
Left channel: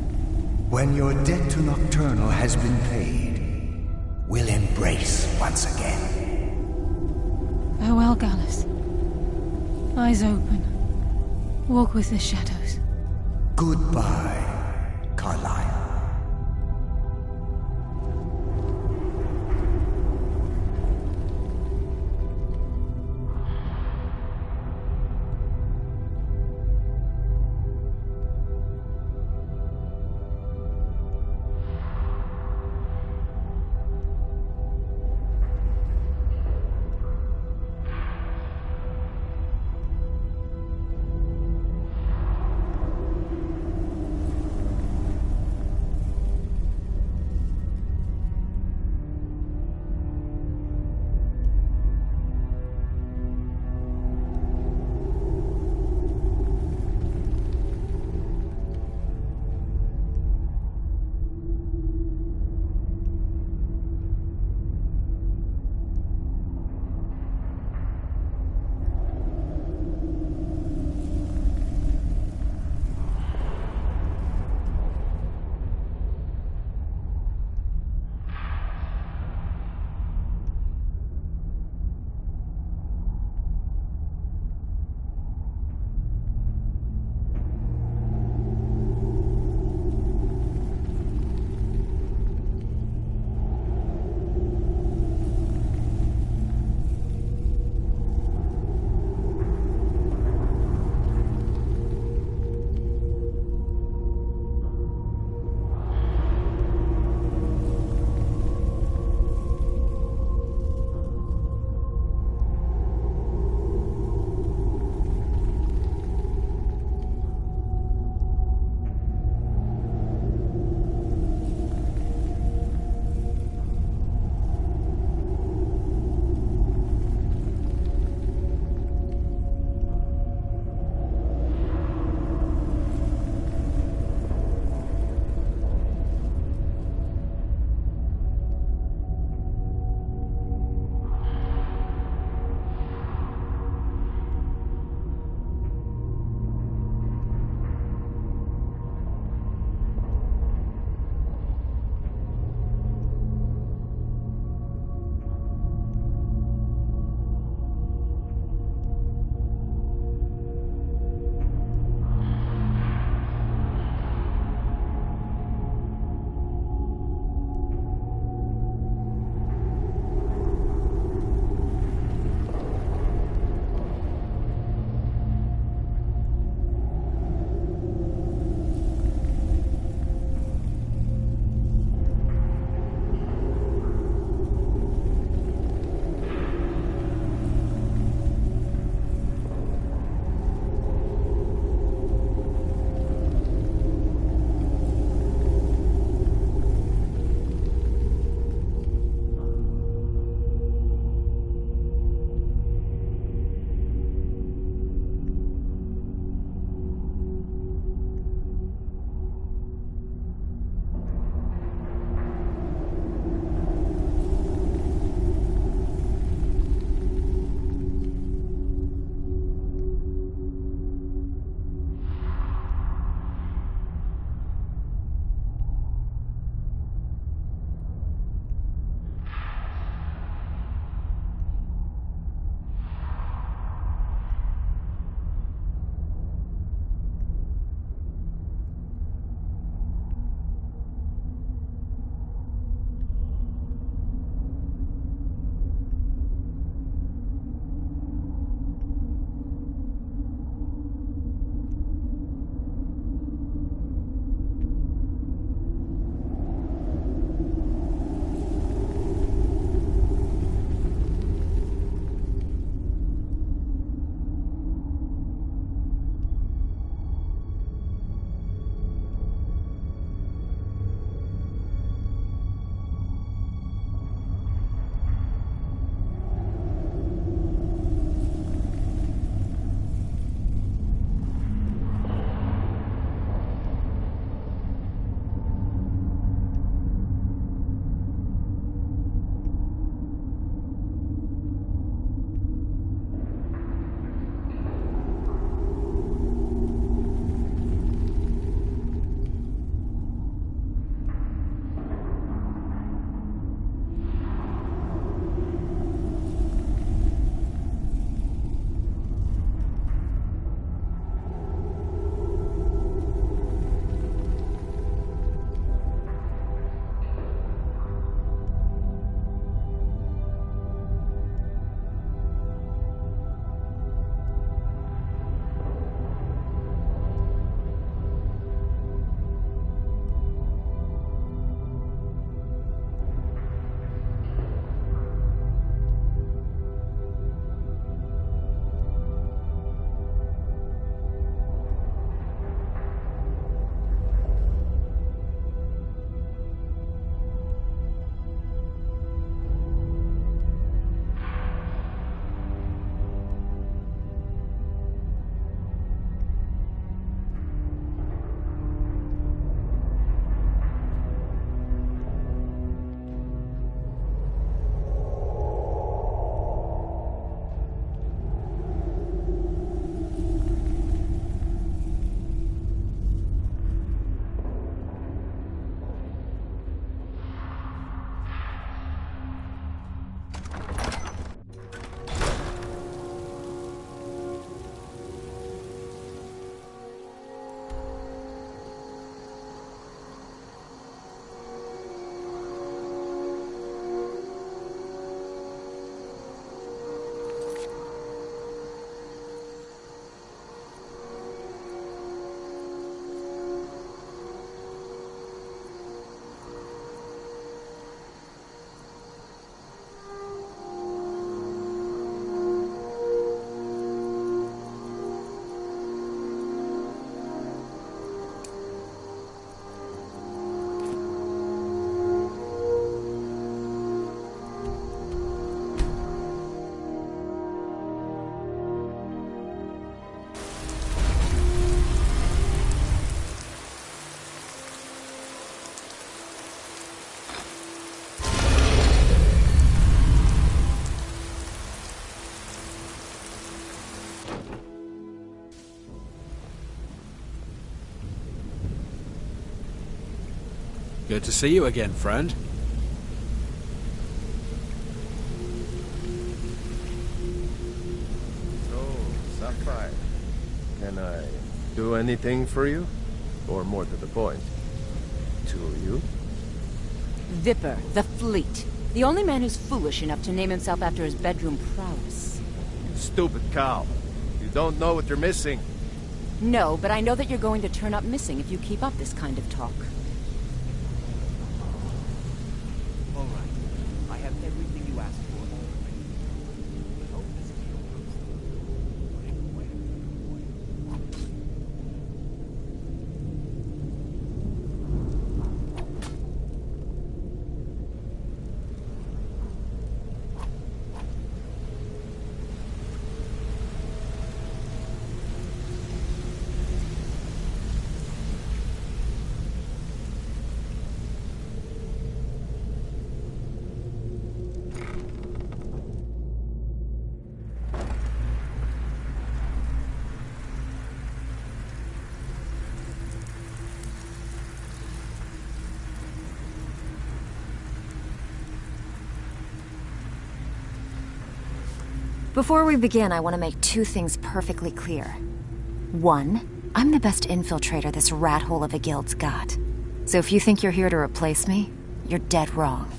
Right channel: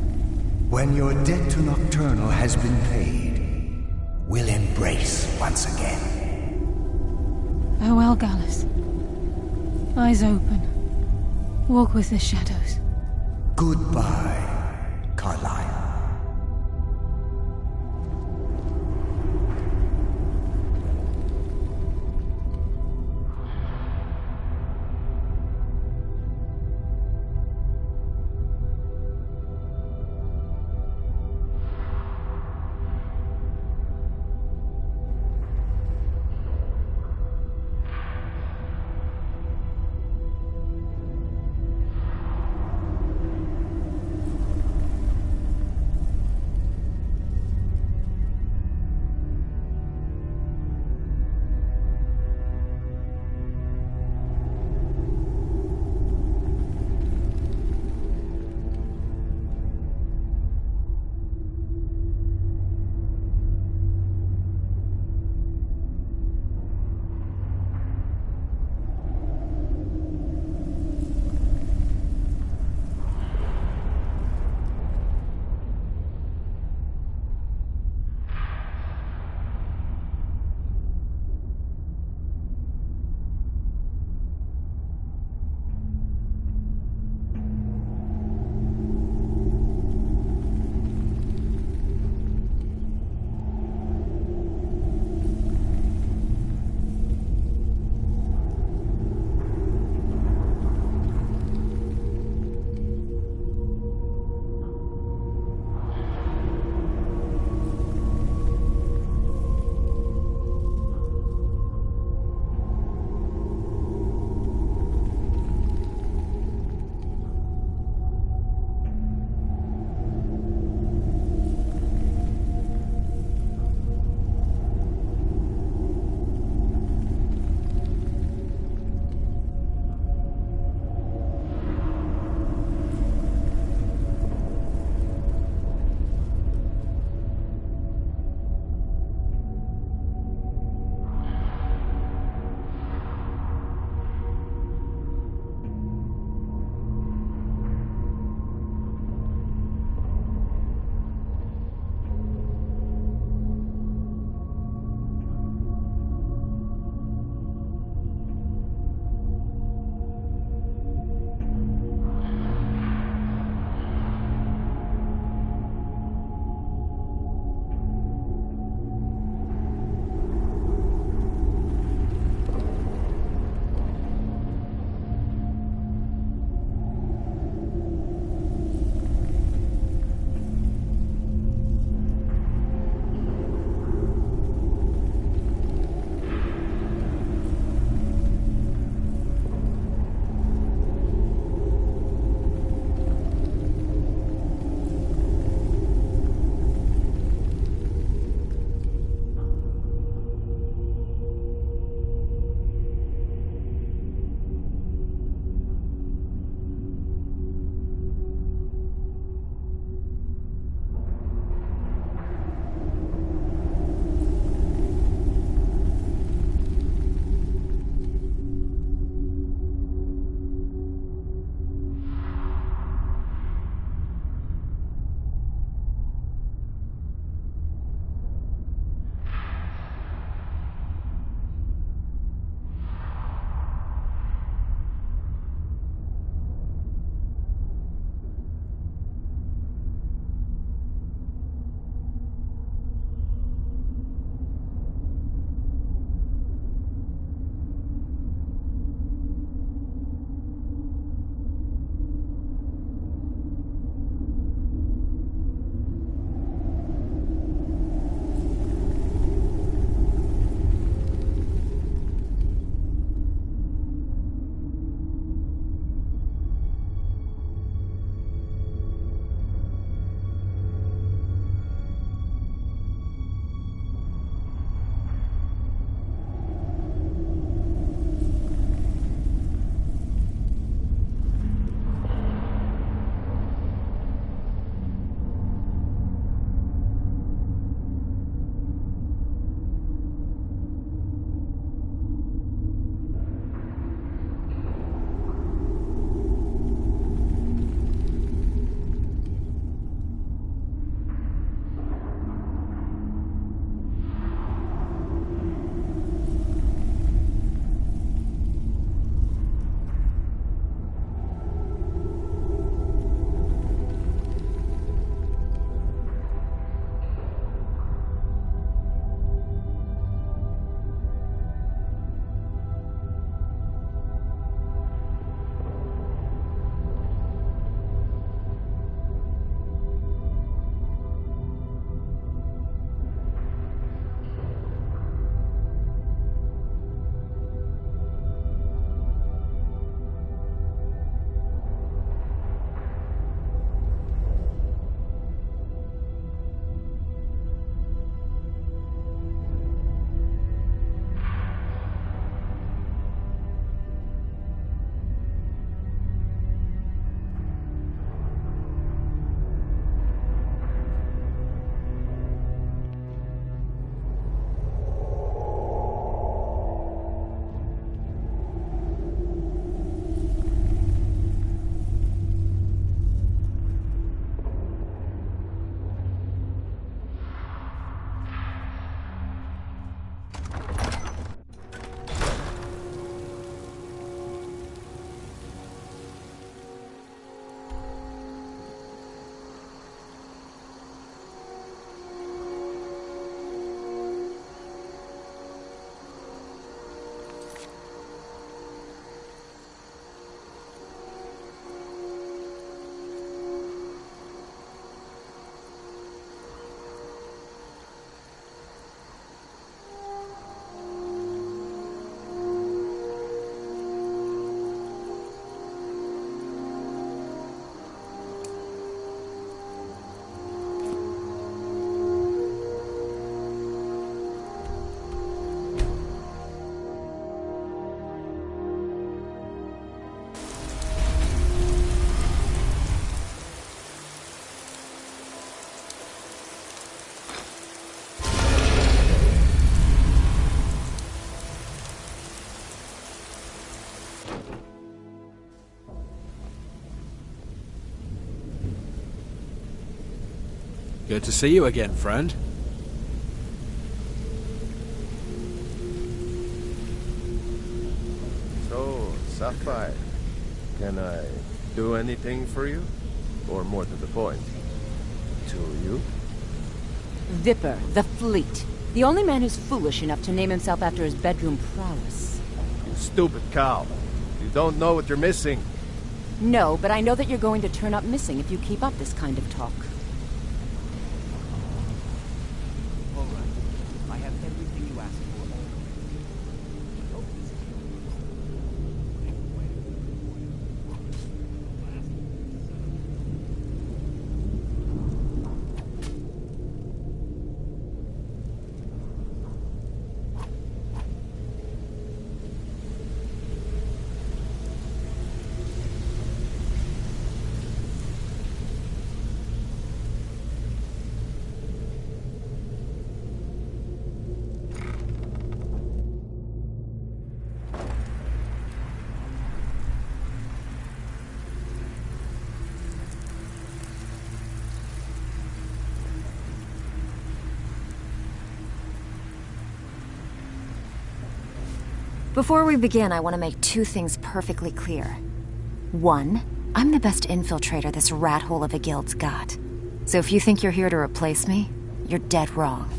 When your debt to Nocturnal has been paid, we'll embrace once again. Farewell, Gallus. Eyes open. Walk with the shadows. Goodbye, Carlisle. Good to see you again, friend. So, Sapphire, can I do anything for you? Or more to the point, to you? Vipper, the Fleet. The only man who's foolish enough to name himself after his bedroom prowess. You stupid cow. You don't know what you're missing. No, but I know that you're going to turn up missing if you keep up this kind of talk. All right. I have everything you asked for already. I hope this deal looks good. I have quite a good point. Before we begin, I want to make two things perfectly clear. One, I'm the best infiltrator this rat hole of a guild's got. So if you think you're here to replace me, you're dead wrong.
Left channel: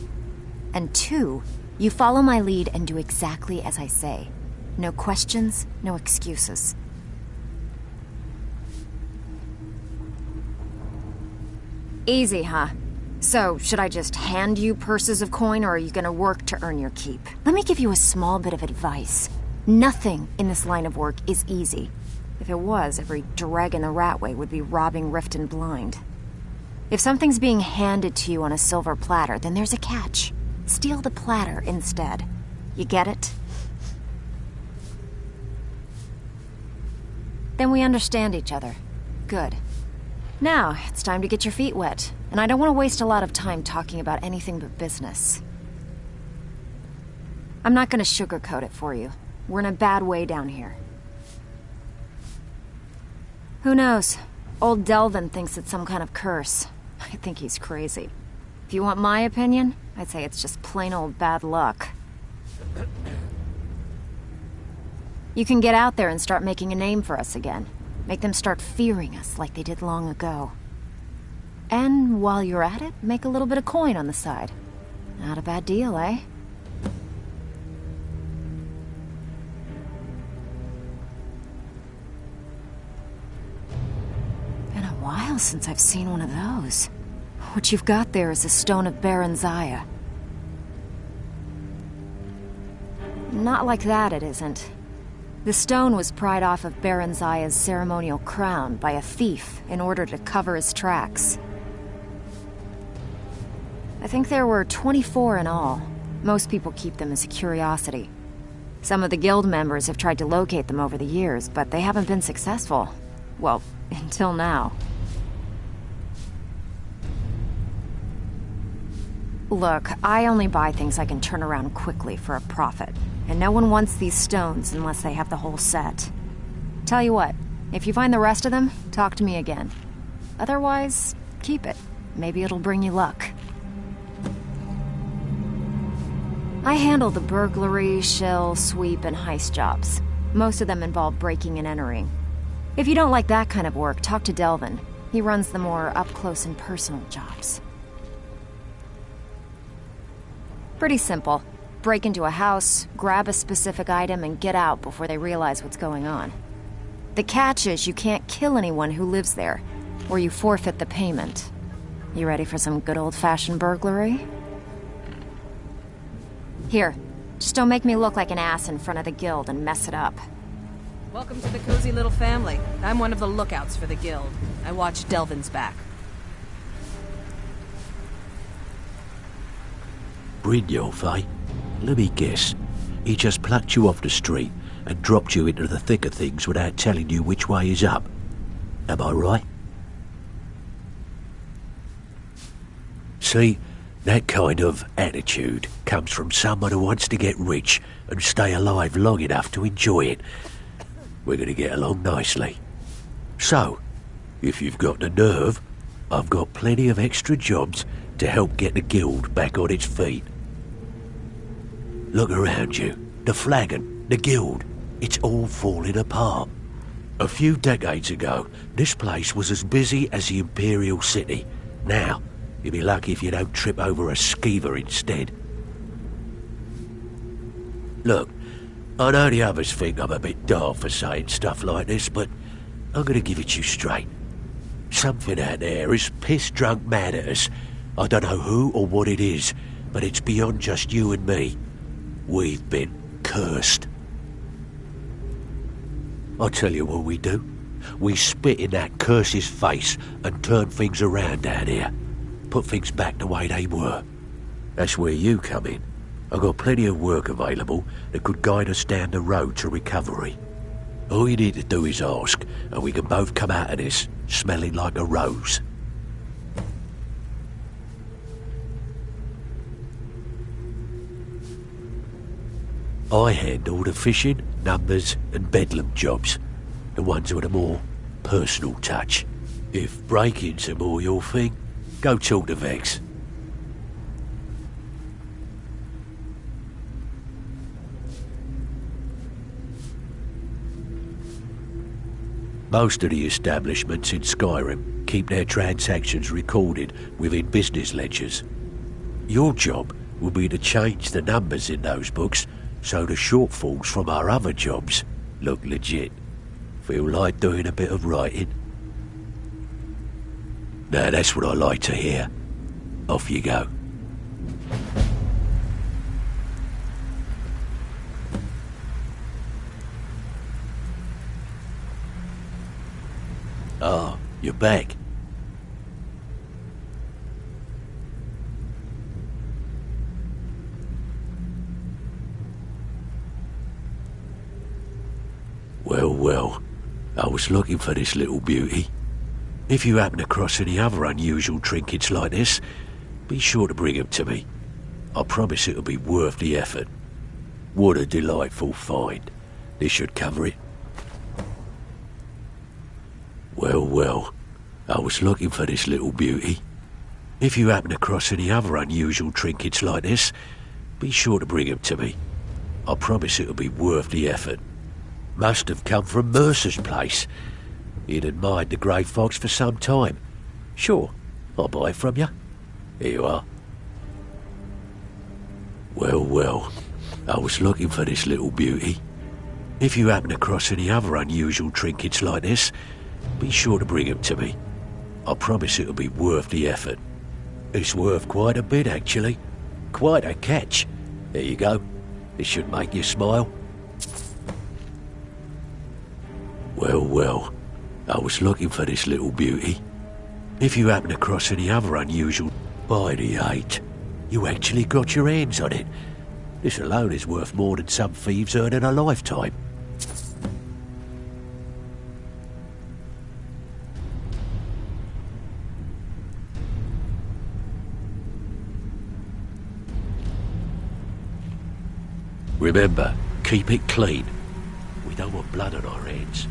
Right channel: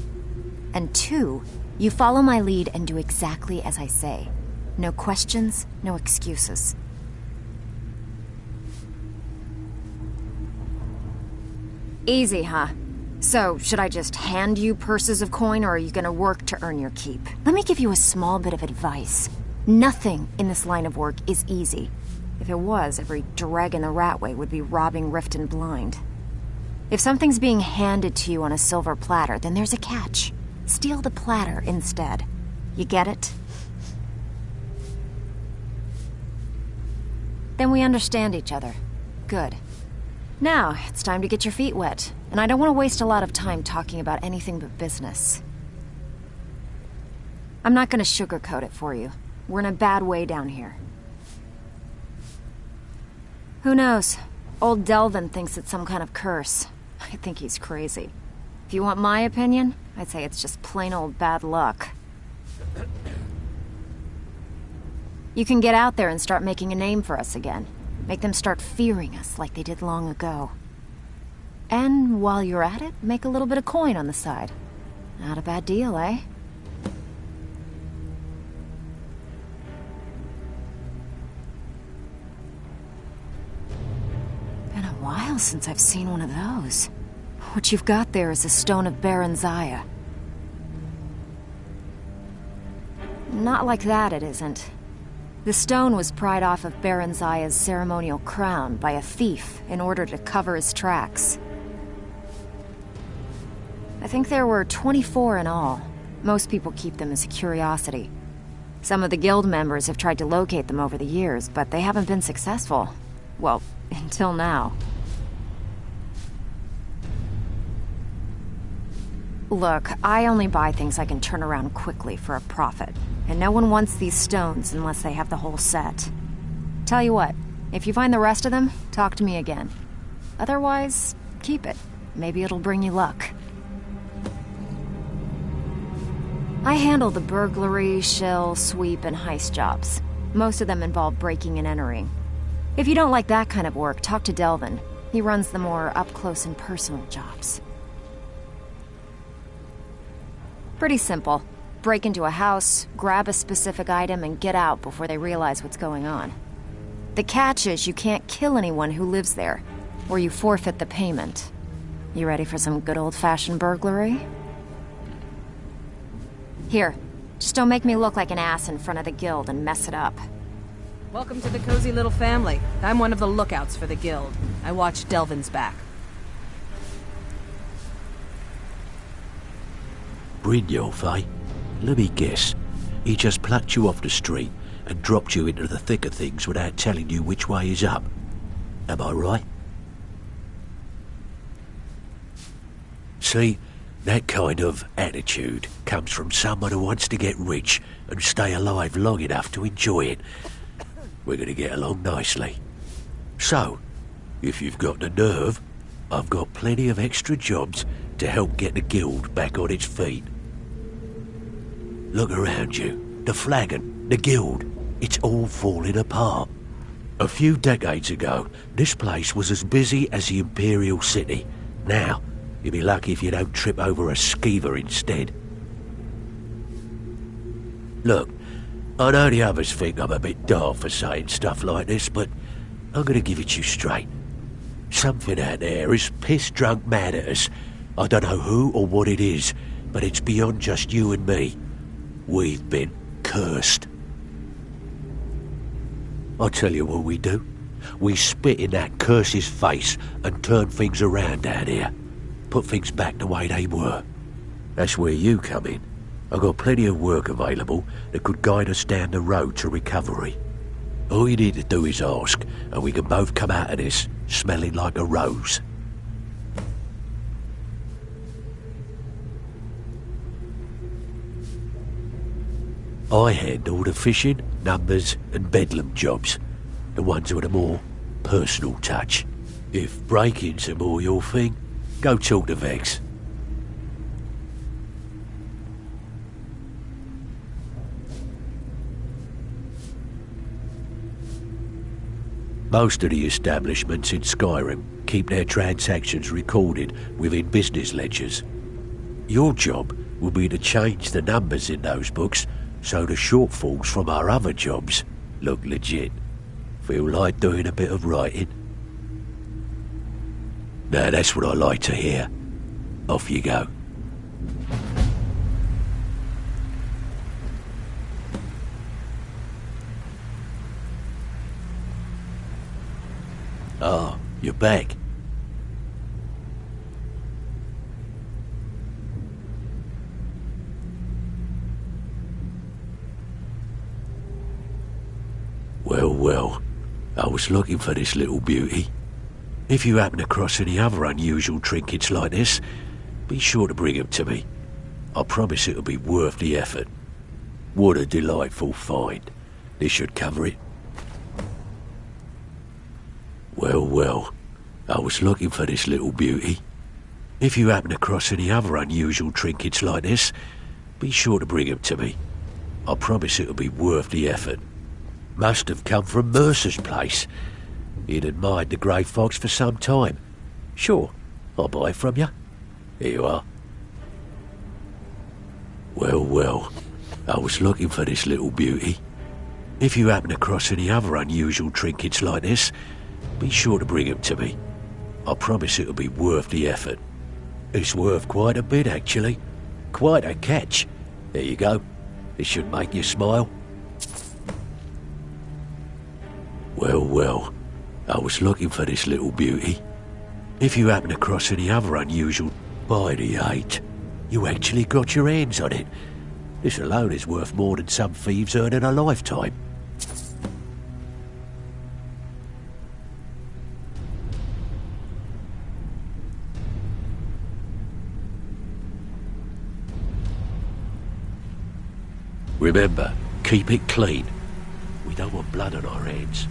And two, you follow my lead and do exactly as I say. No questions, no excuses. Easy, huh? So, should I just hand you purses of coin, or are you gonna work to earn your keep? Let me give you a small bit of advice. Nothing in this line of work is easy. If it was, every dreg in the Ratway would be robbing Rift and Blind. If something's being handed to you on a silver platter, then there's a catch. Steal the platter instead. You get it? Then we understand each other. Good. Now, it's time to get your feet wet, and I don't want to waste a lot of time talking about anything but business. I'm not going to sugarcoat it for you. We're in a bad way down here. Who knows? Old Delvin thinks it's some kind of curse. I think he's crazy. If you want my opinion, I'd say it's just plain old bad luck. You can get out there and start making a name for us again. Make them start fearing us like they did long ago. And while you're at it, make a little bit of coin on the side. Not a bad deal, eh? Been a while since I've seen one of those. What you've got there is a stone of Baron Zaya. Not like that, it isn't. The stone was pried off of Baron Zaya's ceremonial crown by a thief in order to cover his tracks. I think there were 24 in all. Most people keep them as a curiosity. Some of the guild members have tried to locate them over the years, but they haven't been successful. Well, until now. Look, I only buy things I can turn around quickly for a profit. And no one wants these stones unless they have the whole set. Tell you what, if you find the rest of them, talk to me again. Otherwise, keep it. Maybe it'll bring you luck. I handle the burglary, shill, sweep, and heist jobs. Most of them involve breaking and entering. If you don't like that kind of work, talk to Delvin. He runs the more up-close and personal jobs. Pretty simple. Break into a house, grab a specific item, and get out before they realize what's going on. The catch is you can't kill anyone who lives there, or you forfeit the payment. You ready for some good old-fashioned burglary? Here, just don't make me look like an ass in front of the guild and mess it up. Welcome to the cozy little family. I'm one of the lookouts for the guild. I watch Delvin's back. Brynjolf, eh? Let me guess. He just plucked you off the street and dropped you into the thick of things without telling you which way is up. Am I right? See, that kind of attitude comes from someone who wants to get rich and stay alive long enough to enjoy it. We're going to get along nicely. So, if you've got the nerve, I've got plenty of extra jobs to help get the guild back on its feet. Look around you. The flagon, the guild, it's all falling apart. A few decades ago, this place was as busy as the Imperial City. Now, you'll be lucky if you don't trip over a skeever instead. Look, I know the others think I'm a bit daft for saying stuff like this, but I'm gonna give it to you straight. Something out there is piss-drunk mad at us. I don't know who or what it is, but it's beyond just you and me. We've been cursed. I'll tell you what we do. We spit in that curse's face and turn things around down here. Put things back the way they were. That's where you come in. I've got plenty of work available that could guide us down the road to recovery. All you need to do is ask, and we can both come out of this smelling like a rose. I handle the fishing, numbers and bedlam jobs. The ones with a more personal touch. If breaking's a more your thing, go talk to Vex. Most of the establishments in Skyrim keep their transactions recorded within business ledgers. Your job will be to change the numbers in those books so the shortfalls from our other jobs look legit. Feel like doing a bit of writing? Now that's what I like to hear. Off you go. Ah, you're back. Well, I was looking for this little beauty. If you happen across any other unusual trinkets like this, be sure to bring them to me. I promise it'll be worth the effort. What a delightful find. This should cover it. Well, I was looking for this little beauty. If you happen across any other unusual trinkets like this, be sure to bring them to me. I promise it'll be worth the effort. Must have come from Mercer's place. He'd admired the grey fox for some time. Sure, I'll buy it from you. Here you are. Well, I was looking for this little beauty. If you happen across any other unusual trinkets like this, be sure to bring them to me. I promise it'll be worth the effort. It's worth quite a bit, actually. Quite a catch. There you go. This should make you smile. Well, I was looking for this little beauty. If you happen across any other unusual... By the 8, you actually got your hands on it. This alone is worth more than some thieves earn in a lifetime. Remember, keep it clean. We don't want blood on our hands.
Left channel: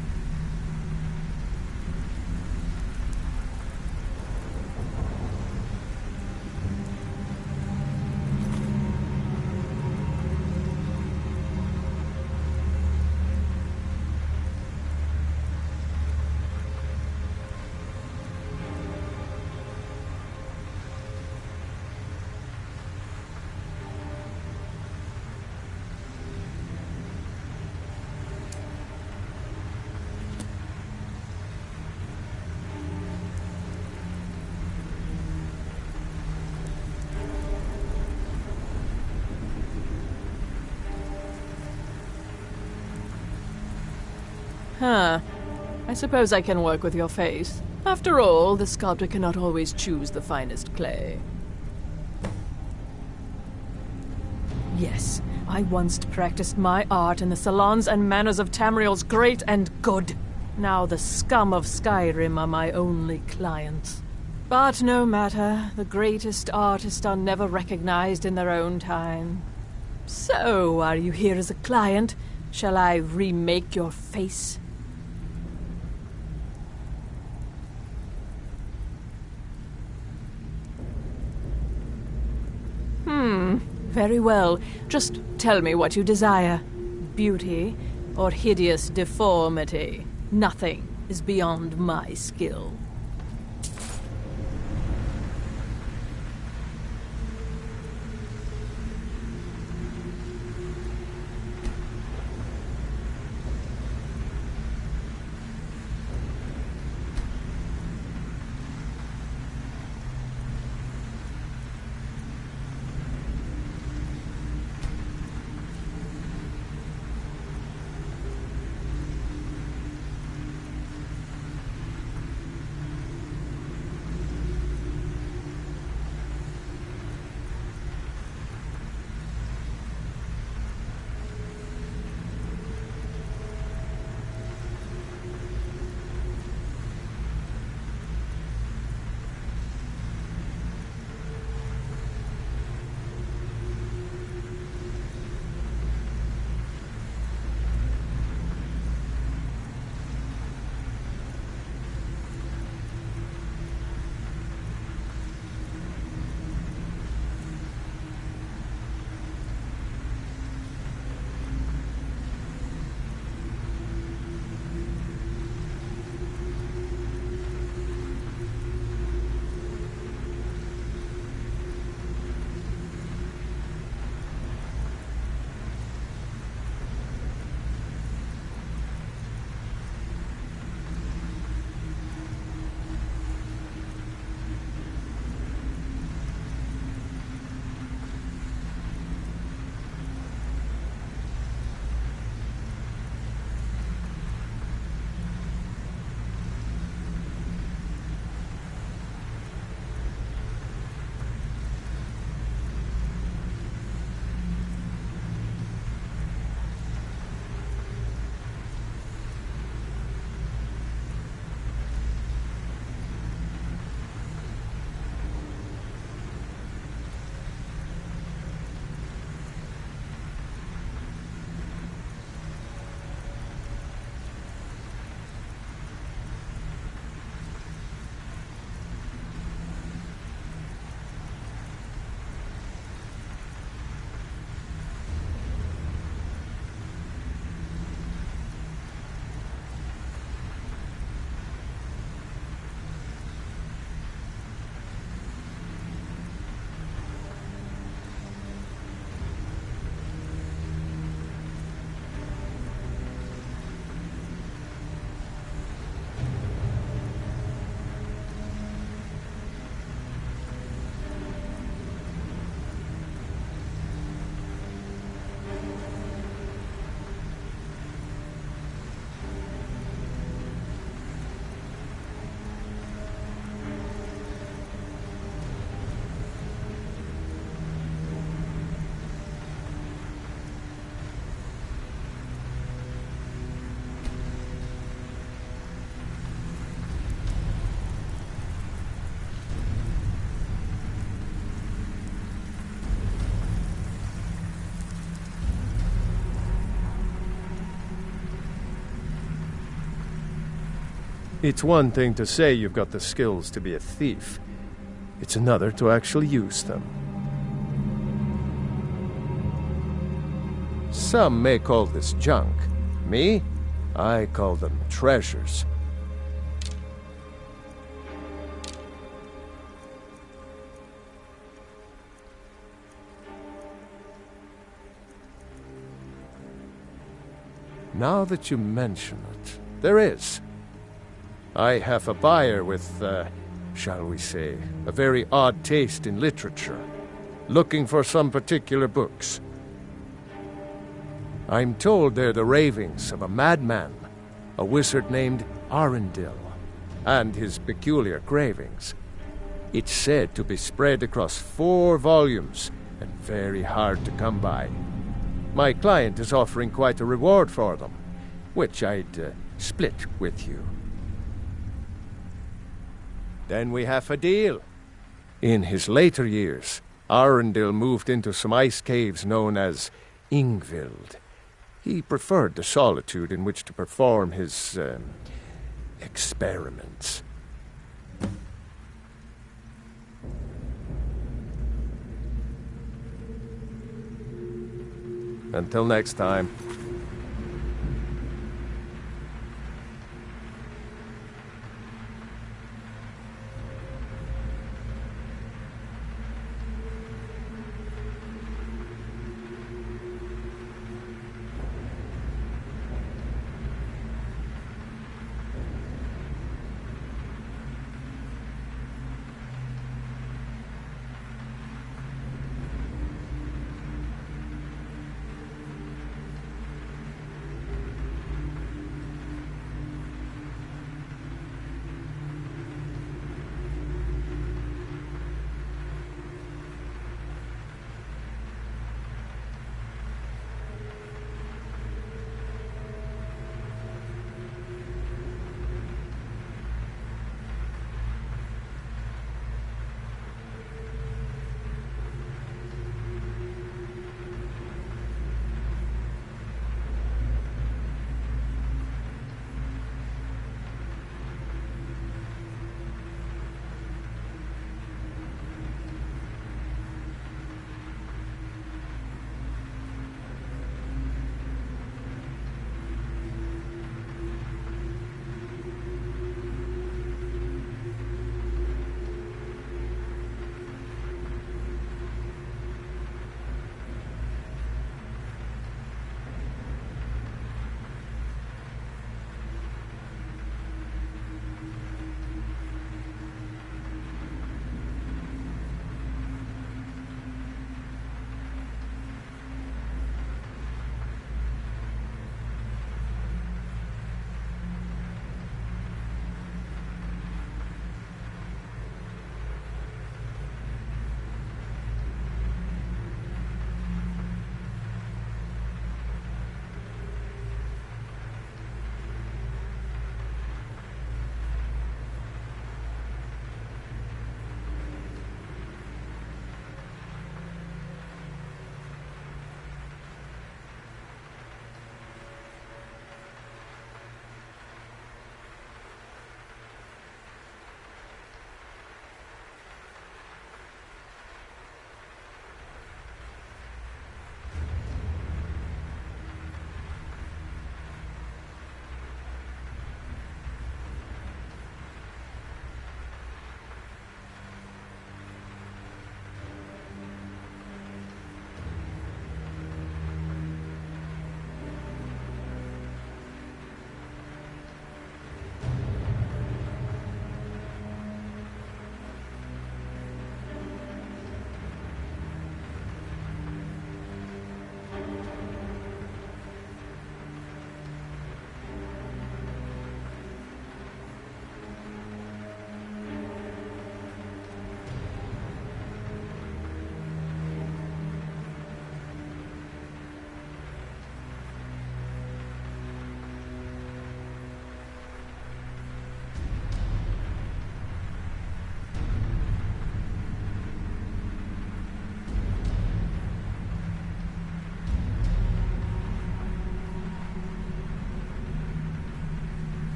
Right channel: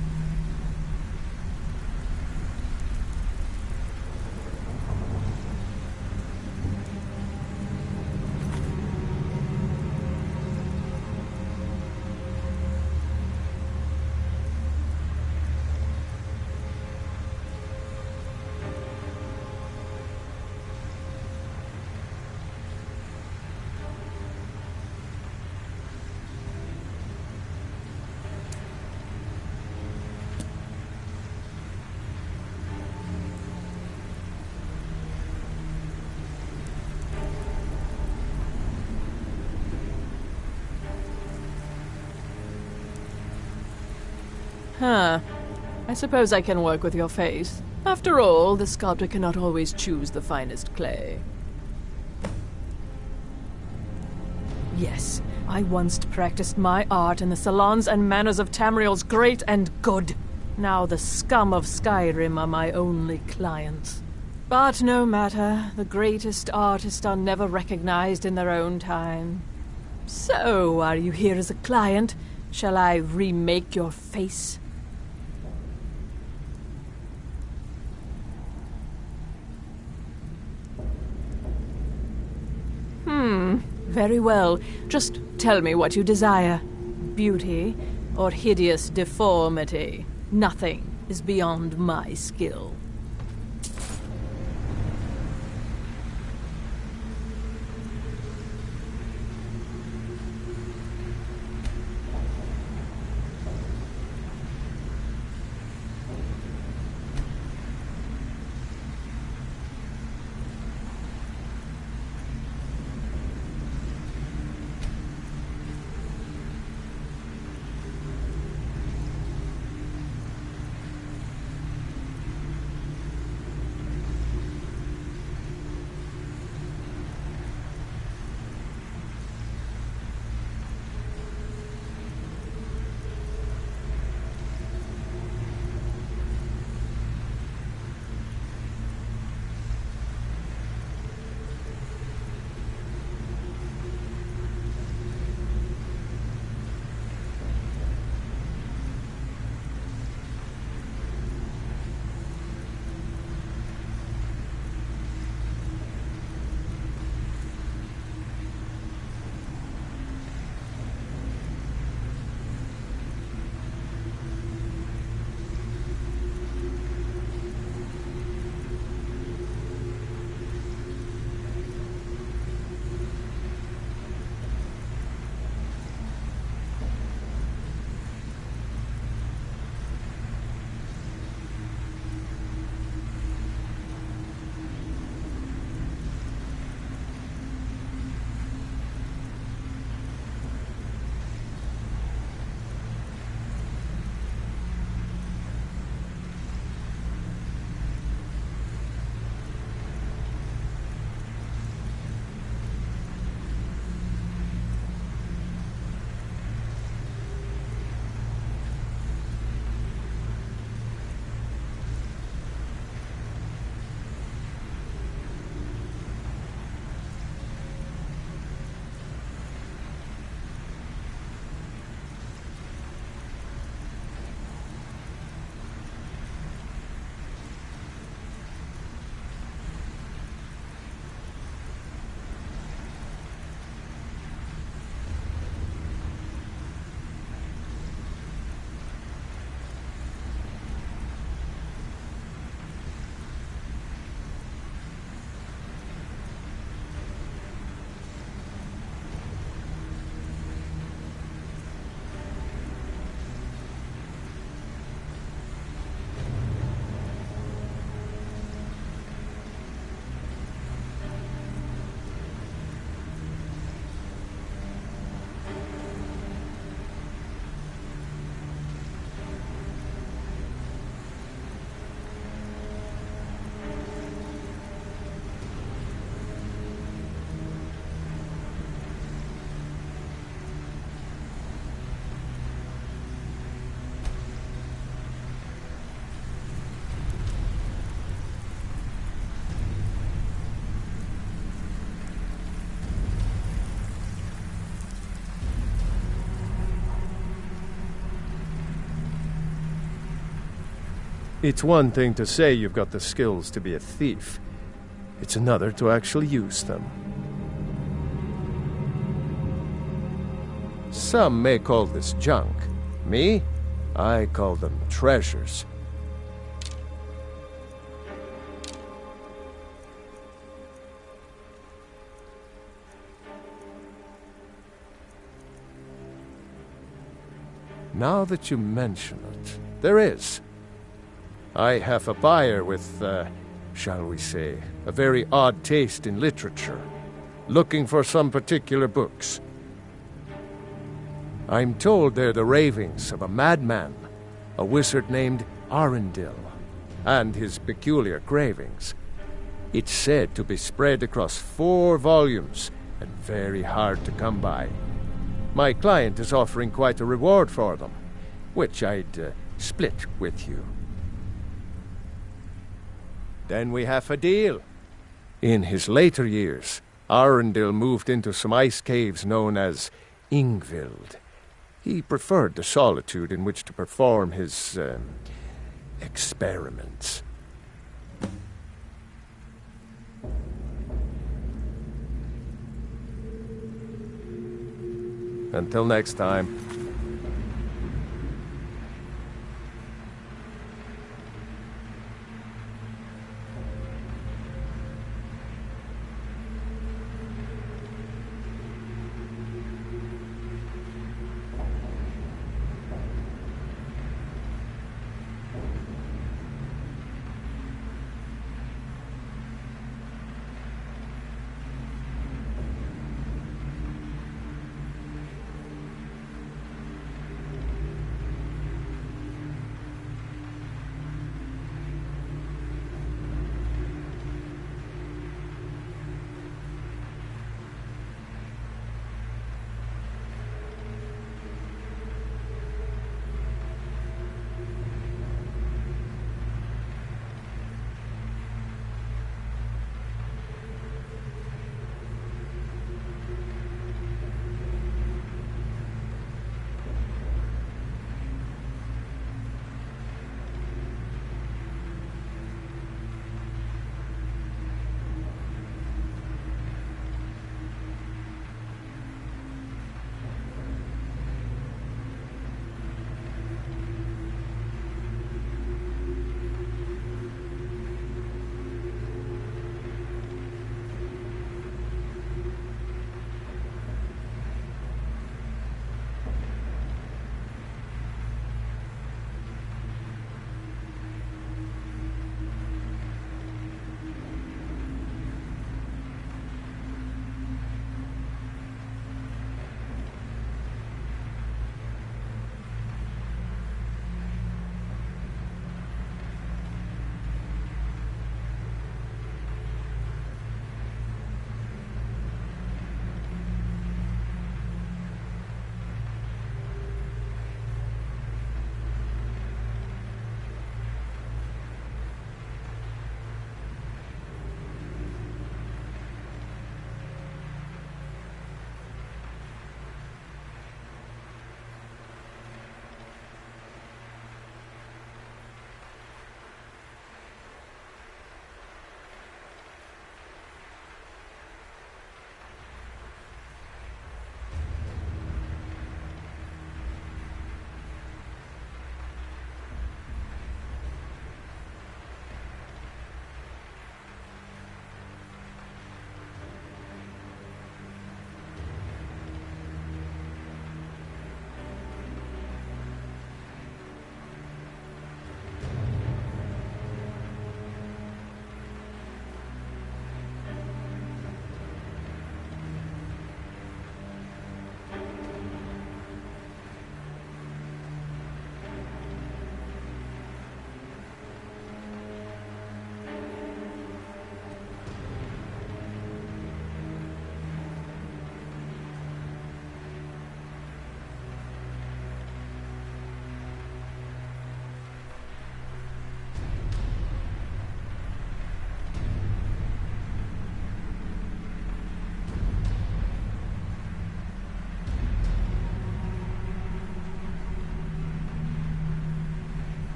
I suppose I can work with your face. After all, the sculptor cannot always choose the finest clay. Yes, I once practiced my art in the salons and manners of Tamriel's great and good. Now the scum of Skyrim are my only clients. But no matter, the greatest artists are never recognized in their own time. So, are you here as a client? Shall I remake your face? Very well. Just tell me what you desire. Beauty or hideous deformity. Nothing is beyond my skill. It's one thing to say you've got the skills to be a thief. It's another to actually use them. Some may call this junk. Me? I call them treasures. Now that you mention it, there is. I have a buyer with, shall we say, a very odd taste in literature, looking for some particular books. I'm told they're the ravings of a madman, a wizard named Arundel, and his peculiar cravings. It's said to be spread across 4 volumes and very hard to come by. My client is offering quite a reward for them, which I'd split with you. Then we have a deal. In his later years, Arundel moved into some ice caves known as Ingvild. He preferred the solitude in which to perform his, experiments. Until next time.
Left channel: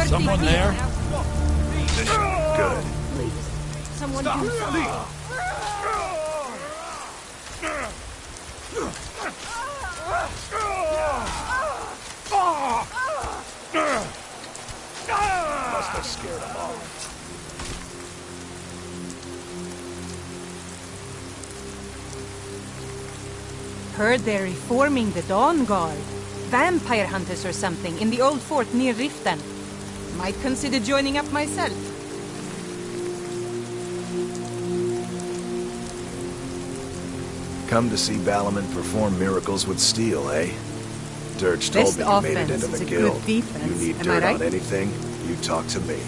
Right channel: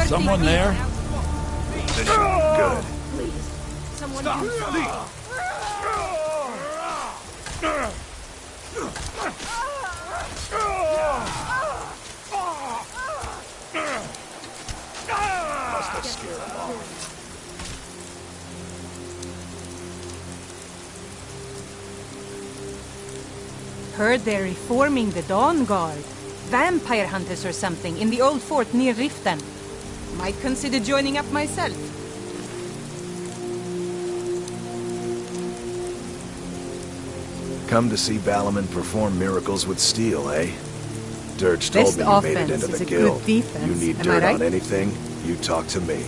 mercy. Someone there? This should be good. Please, someone do something. Must have scared him off. Heard they're reforming the Dawn Guard. Vampire hunters or something in the old fort near Riften. Might consider joining up myself. Come to see Balaman perform miracles with steel, eh? Dirge told Best me you made it offense into is the a guild. good defense, You need am I dirt right? on anything, you talk to me.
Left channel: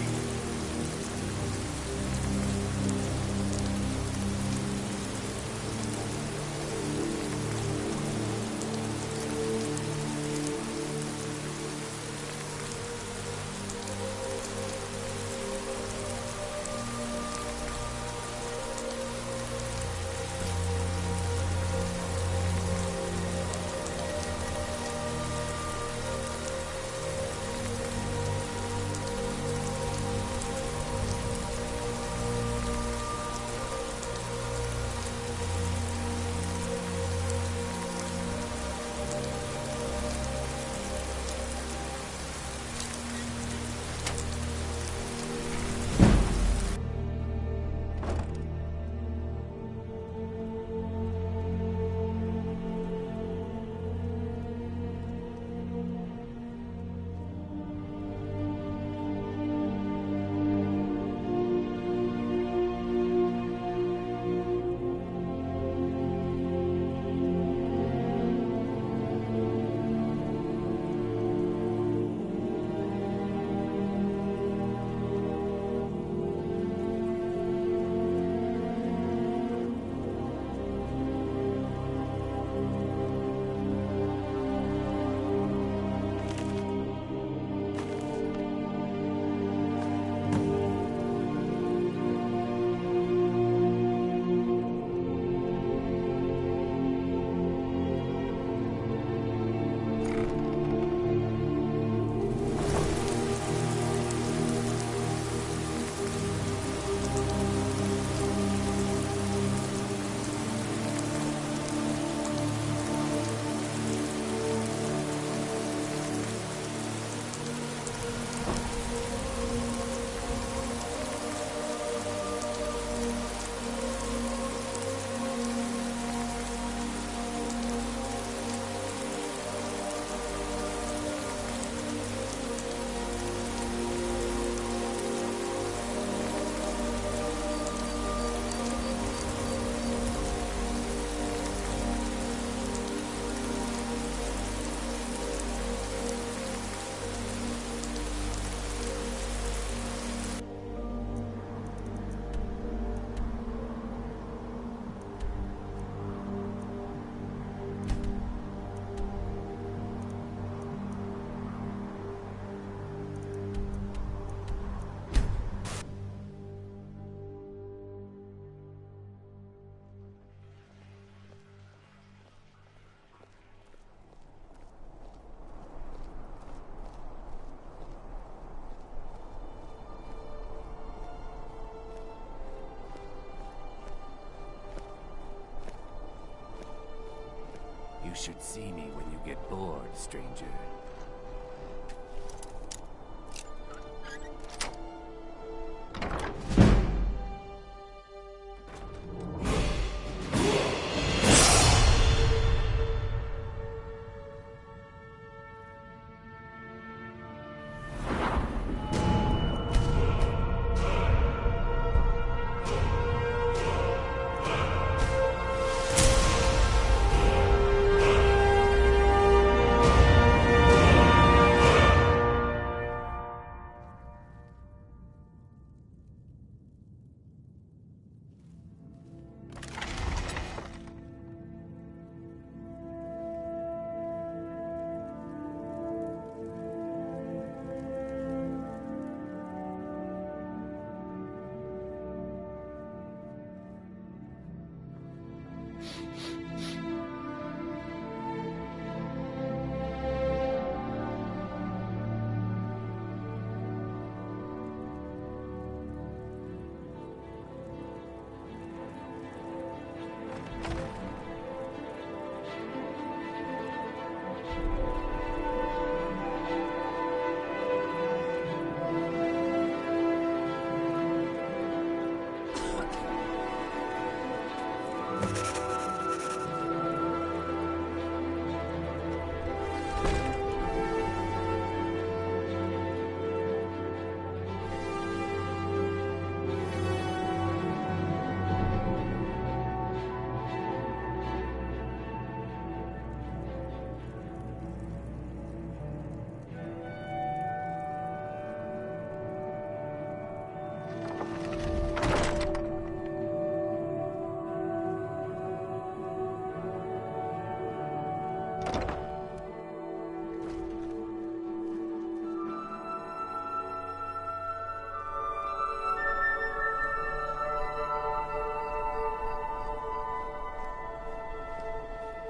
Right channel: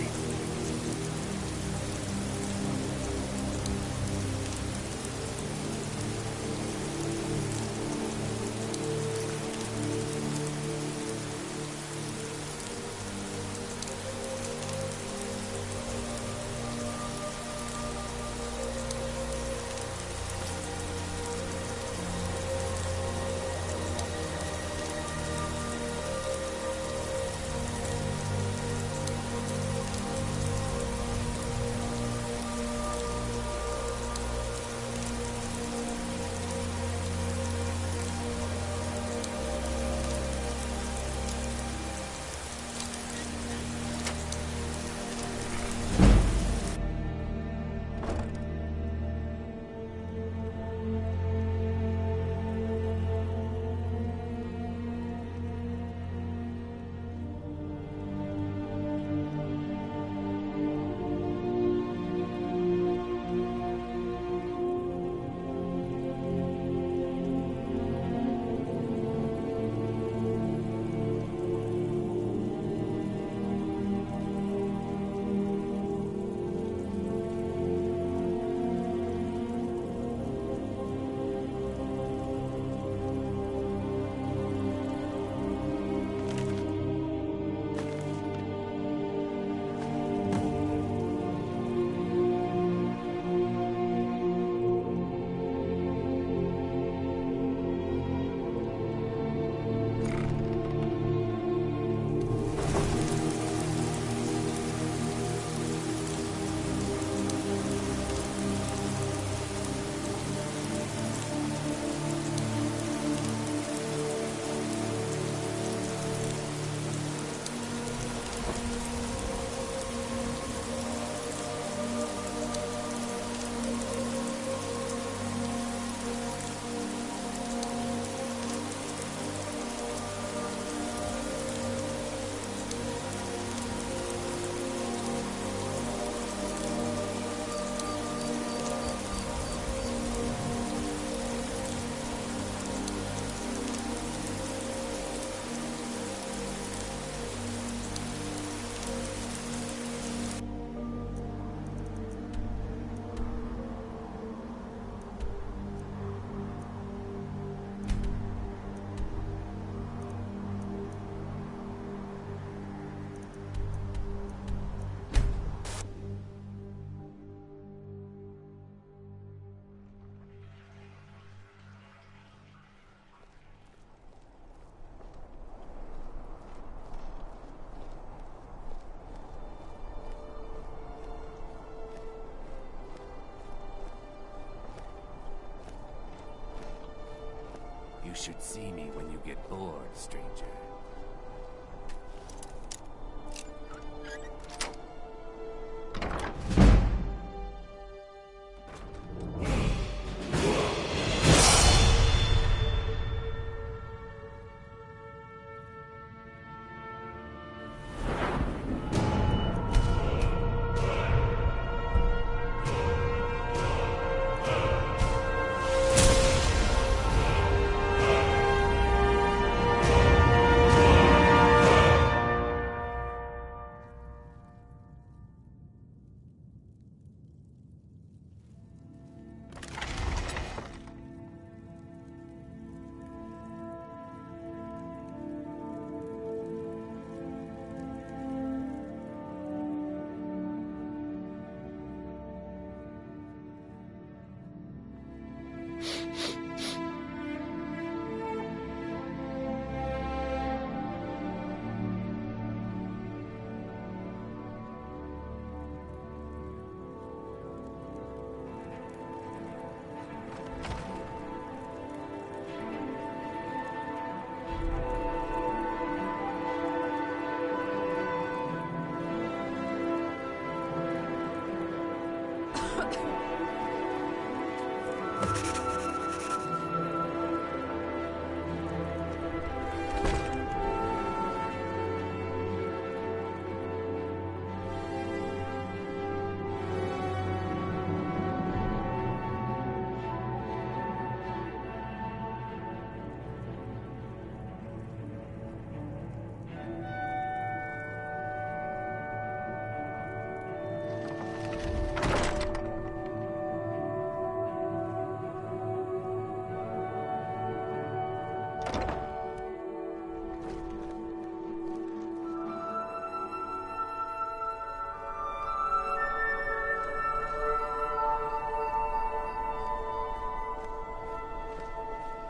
You should see me when you get bored, stranger.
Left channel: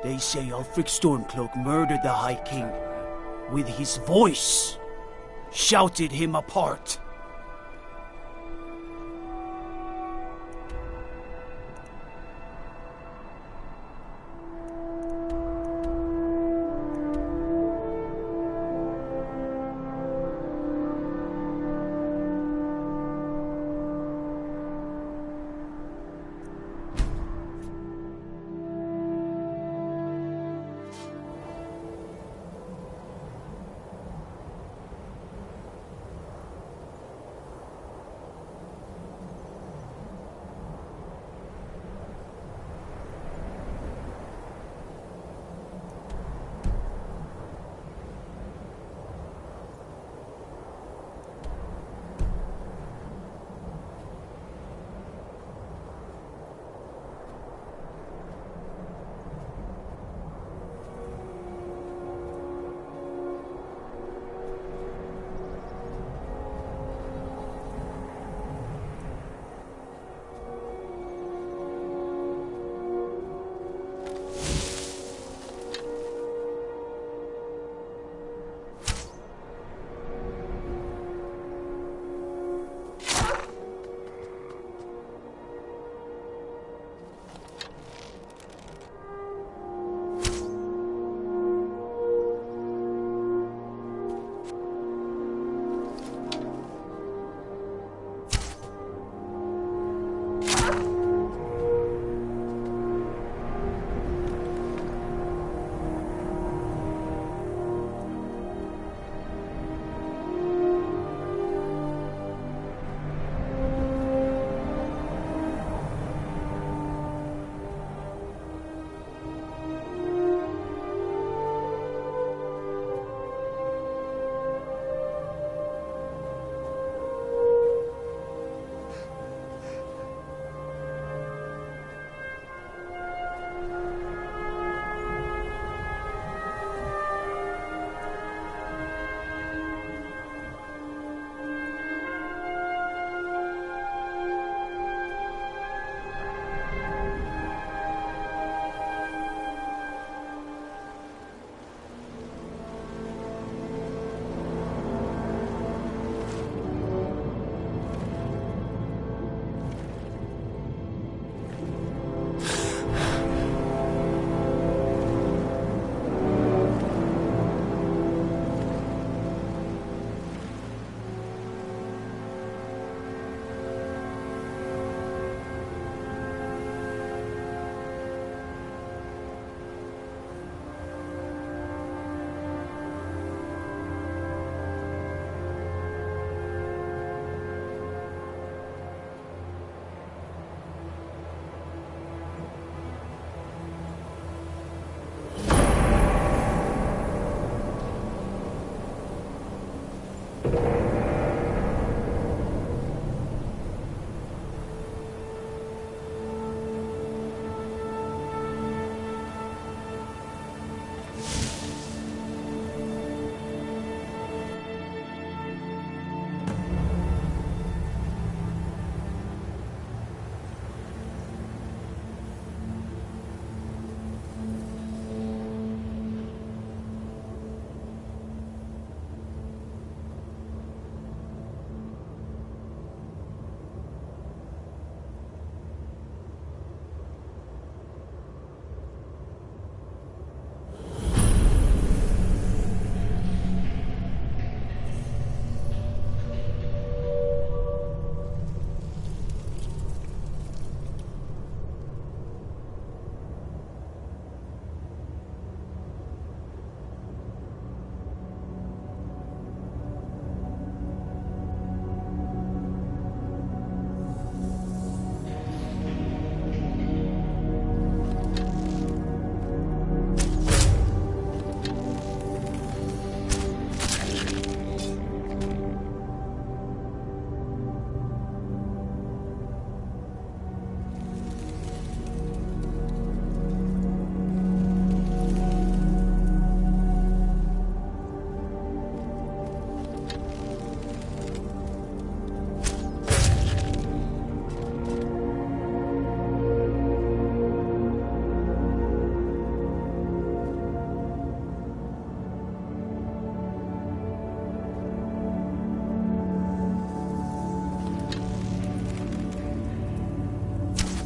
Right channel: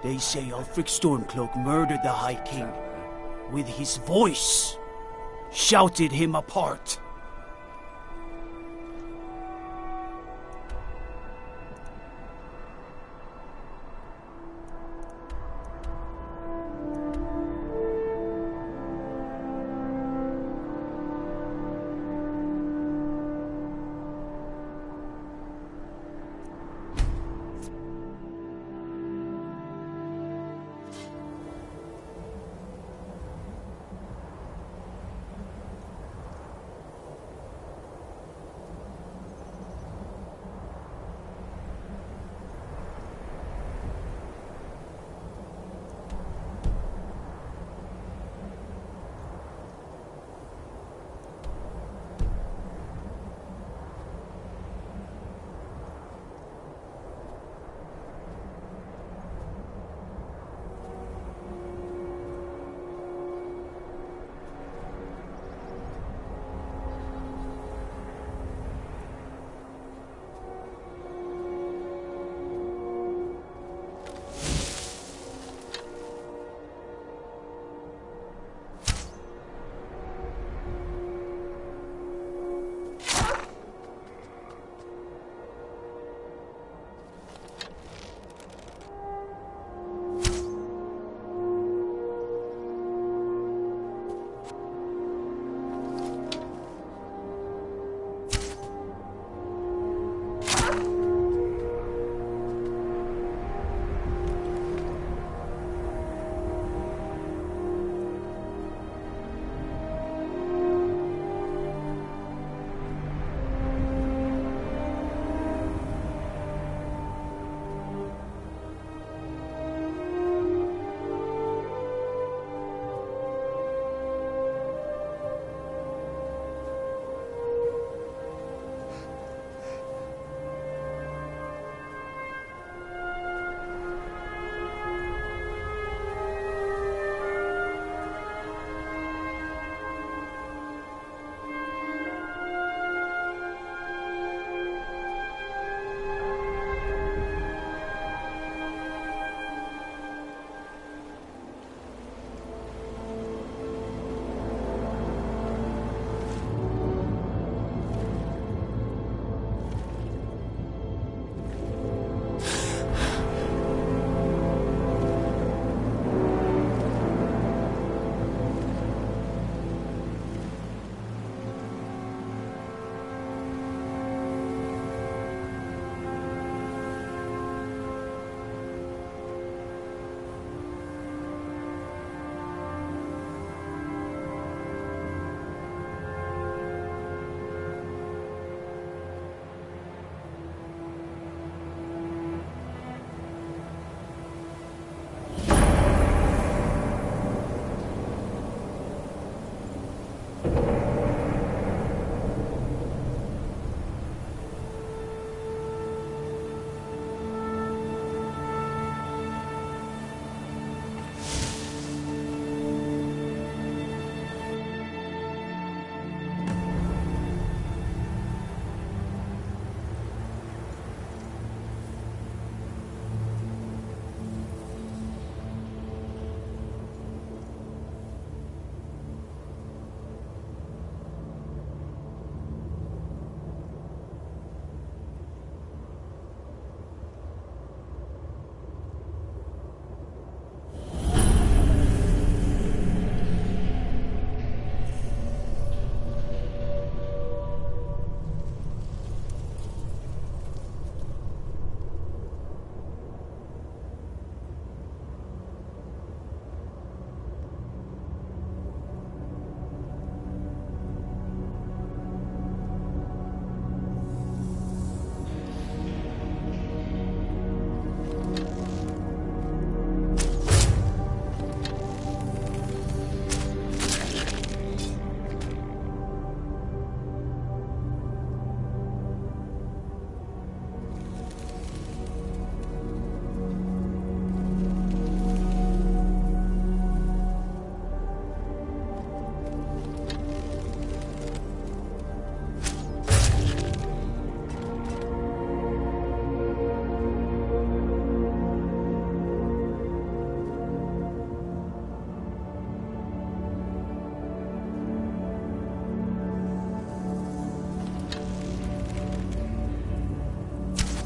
They say Ulfric Stormcloak murdered the High King. With his voice. Shouted him apart.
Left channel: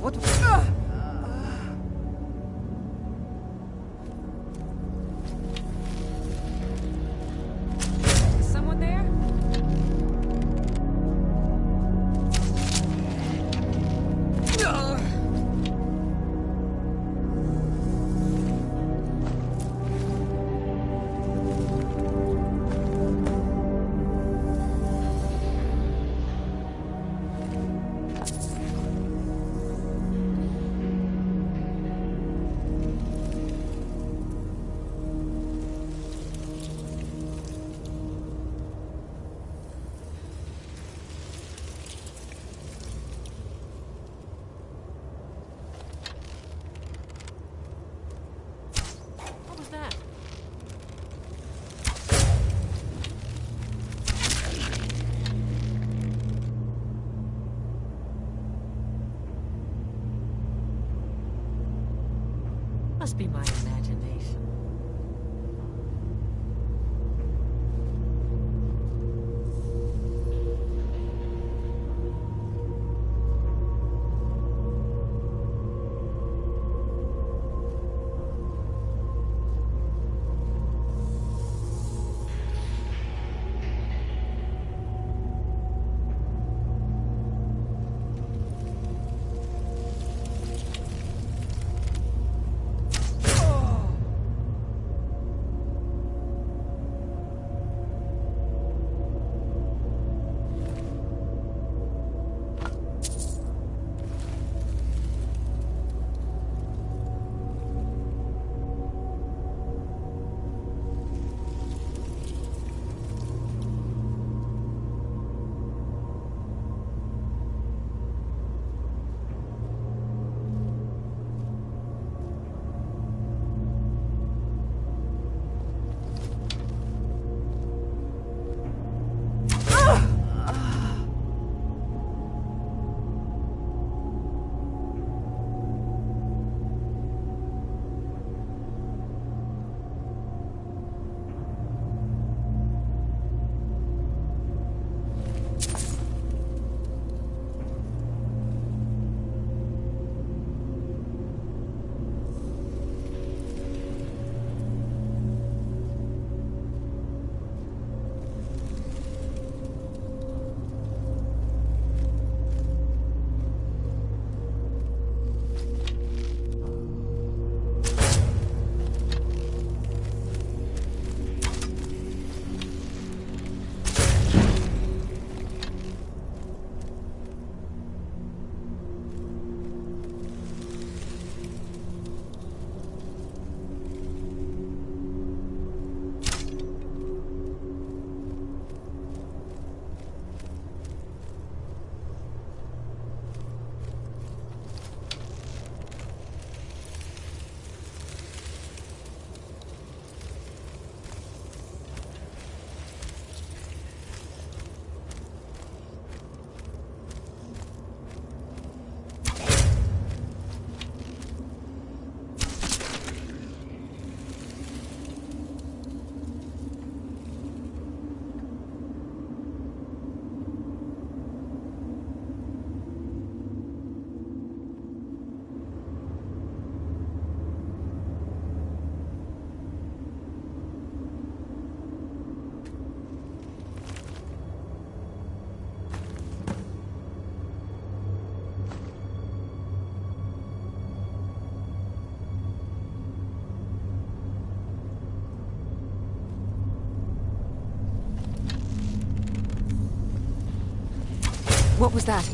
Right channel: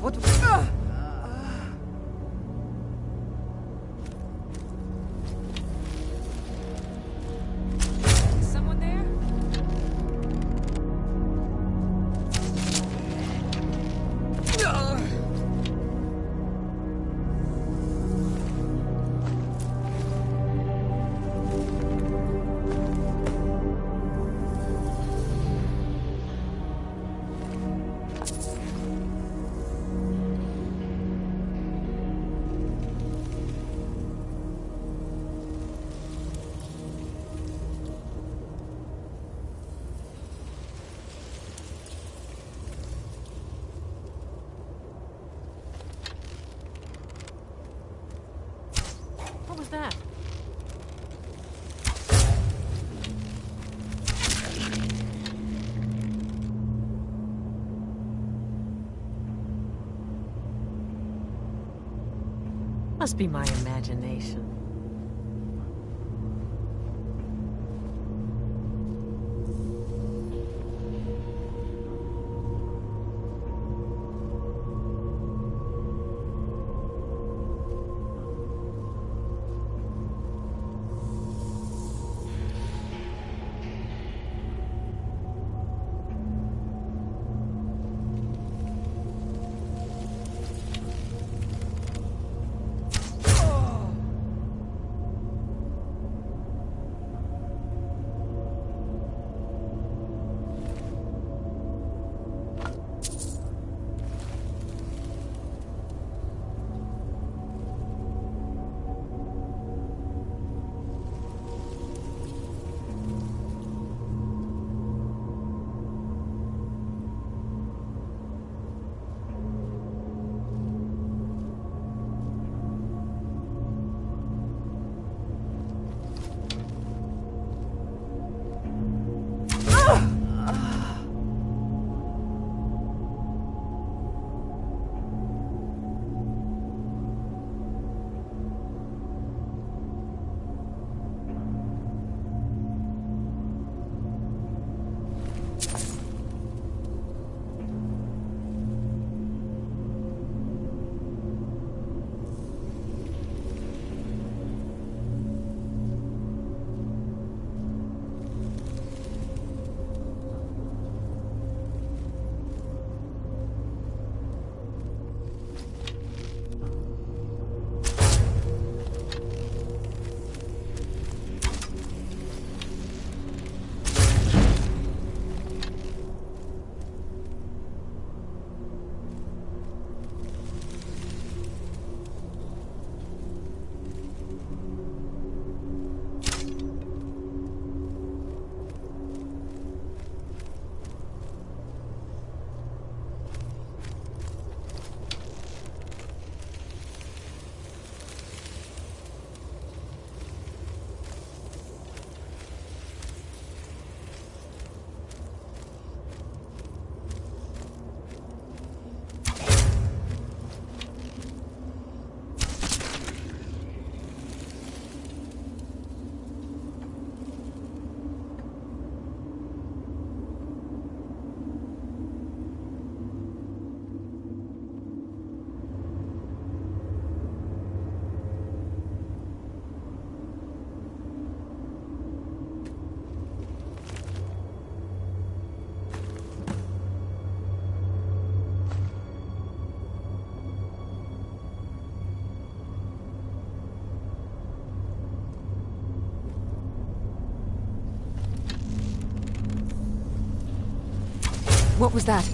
What? Is someone there? What was that? Must be my imagination. What was that?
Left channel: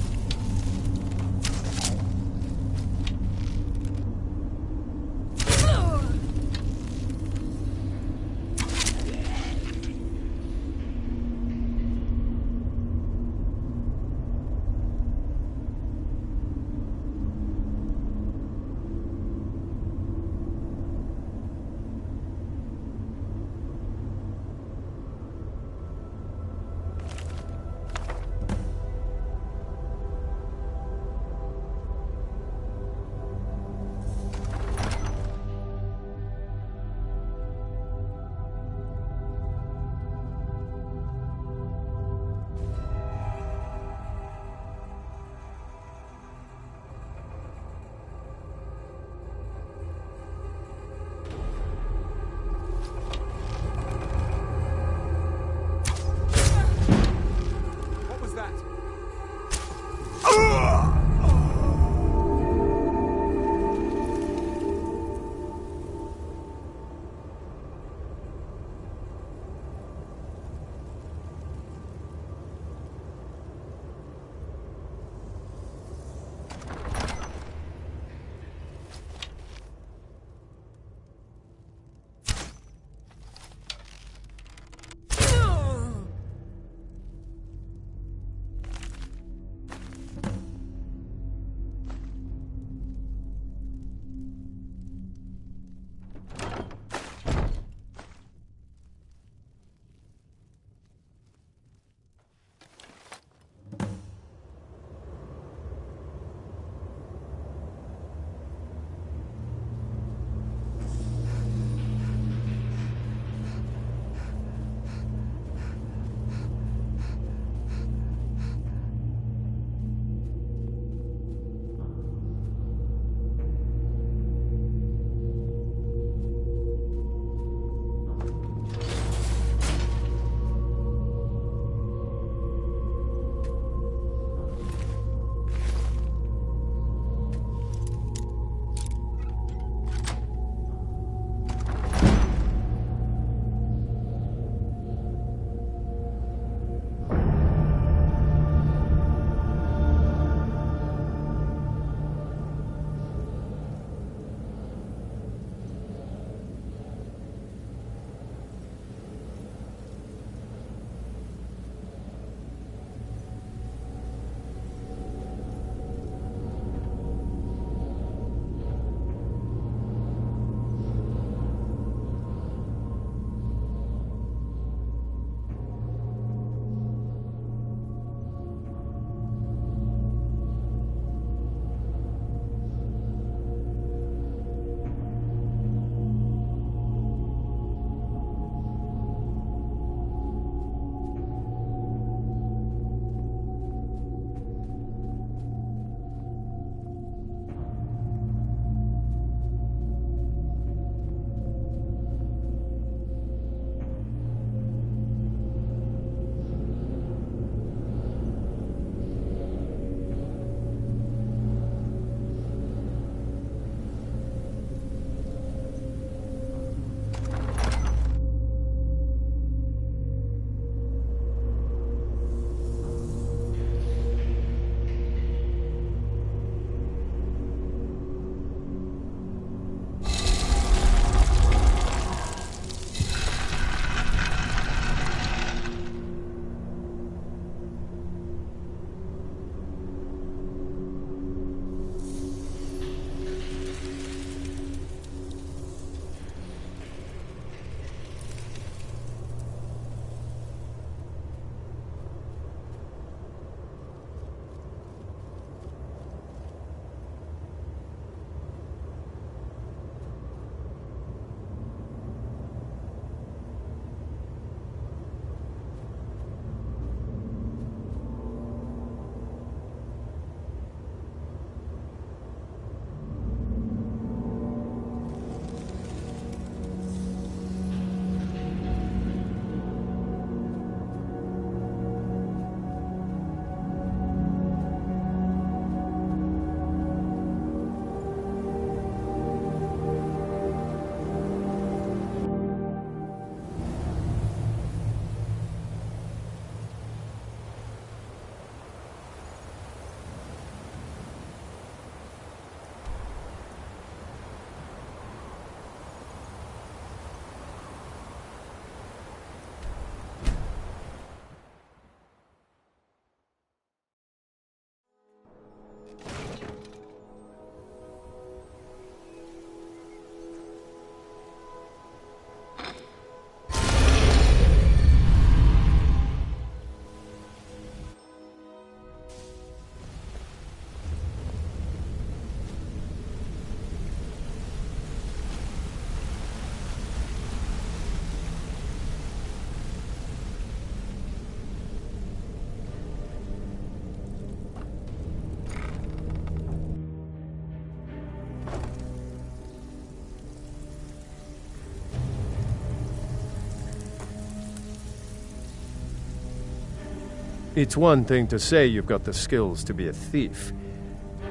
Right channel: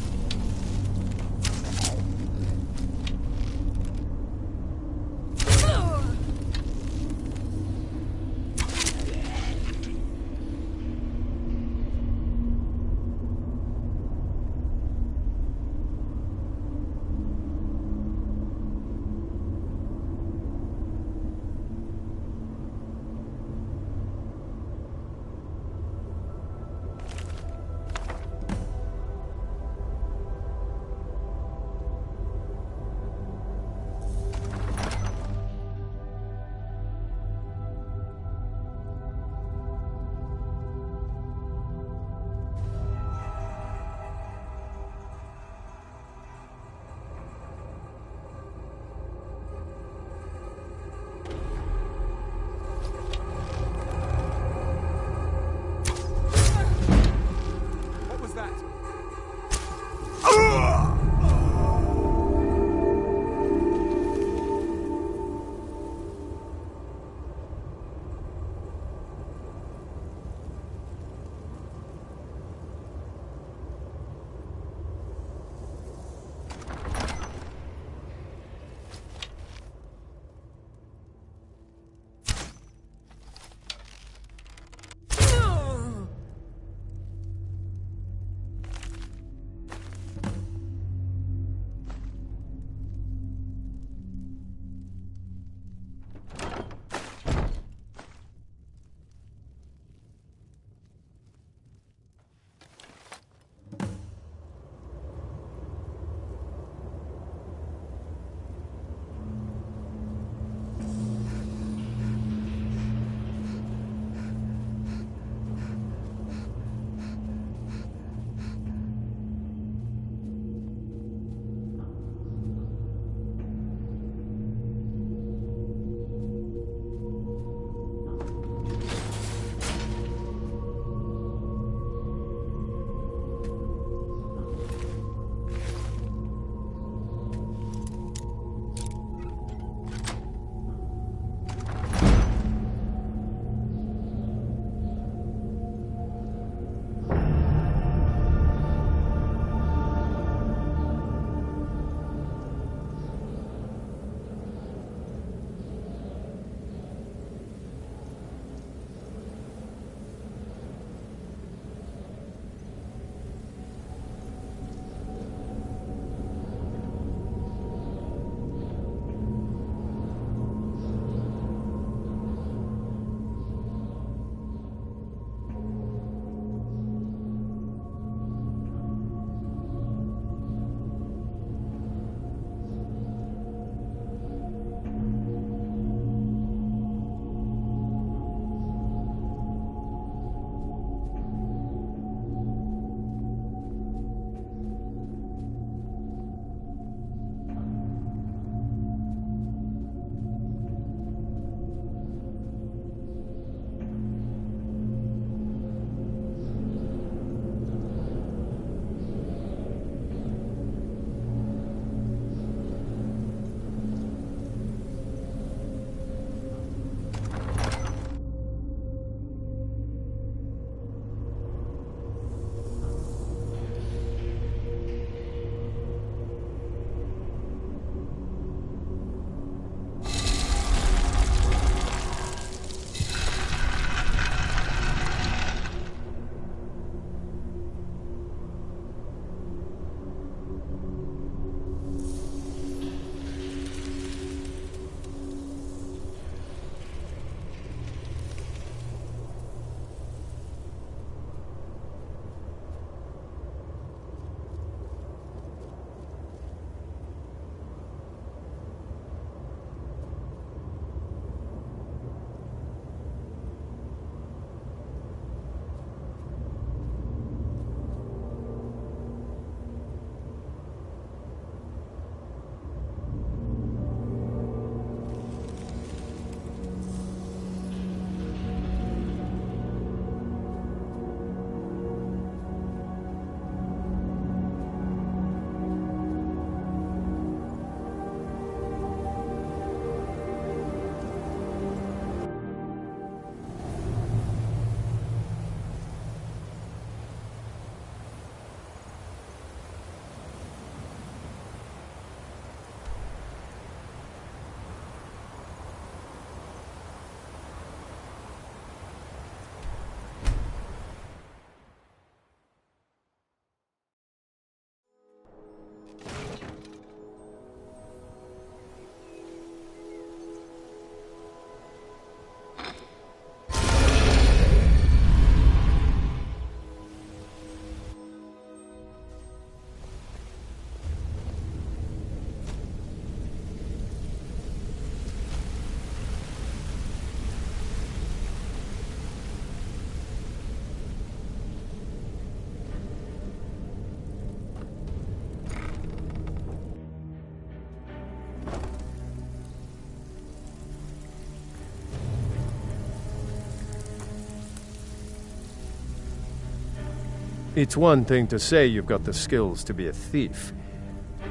It's one thing to say you've got the skills to be a thief.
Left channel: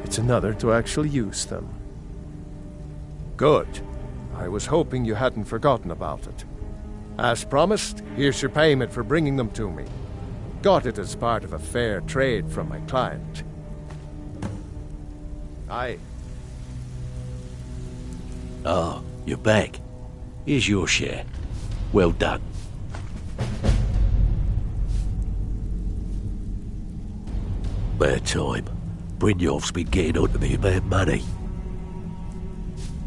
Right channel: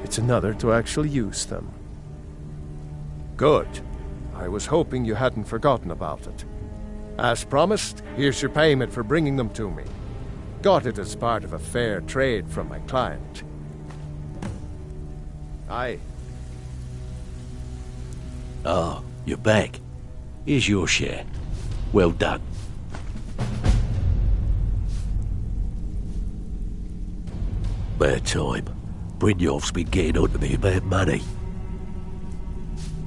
It's another to actually use them. Good. I was hoping you hadn't forgotten about it. As promised, here's your payment for bringing them to me. Got it as part of a fair trade from my client. Aye. Ah, you're back. Here's your share. Well done. Bad time. Brynjolf's been getting on to me about money.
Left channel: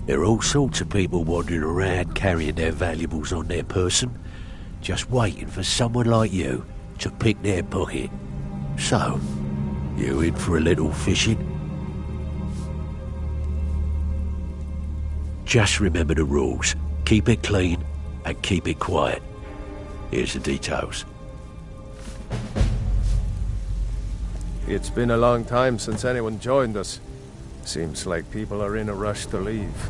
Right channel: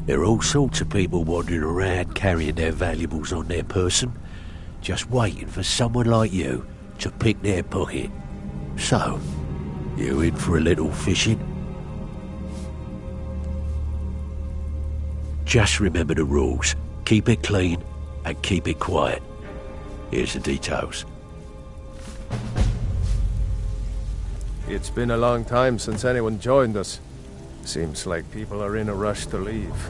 There are all sorts of people wandering around carrying their valuables on their person, just waiting for someone like you to pick their pocket. So, you in for a little fishing? Just remember the rules. Keep it clean and keep it quiet. Here's the details. It's been a long time since anyone joined us. Seems like people are in a rush to leave.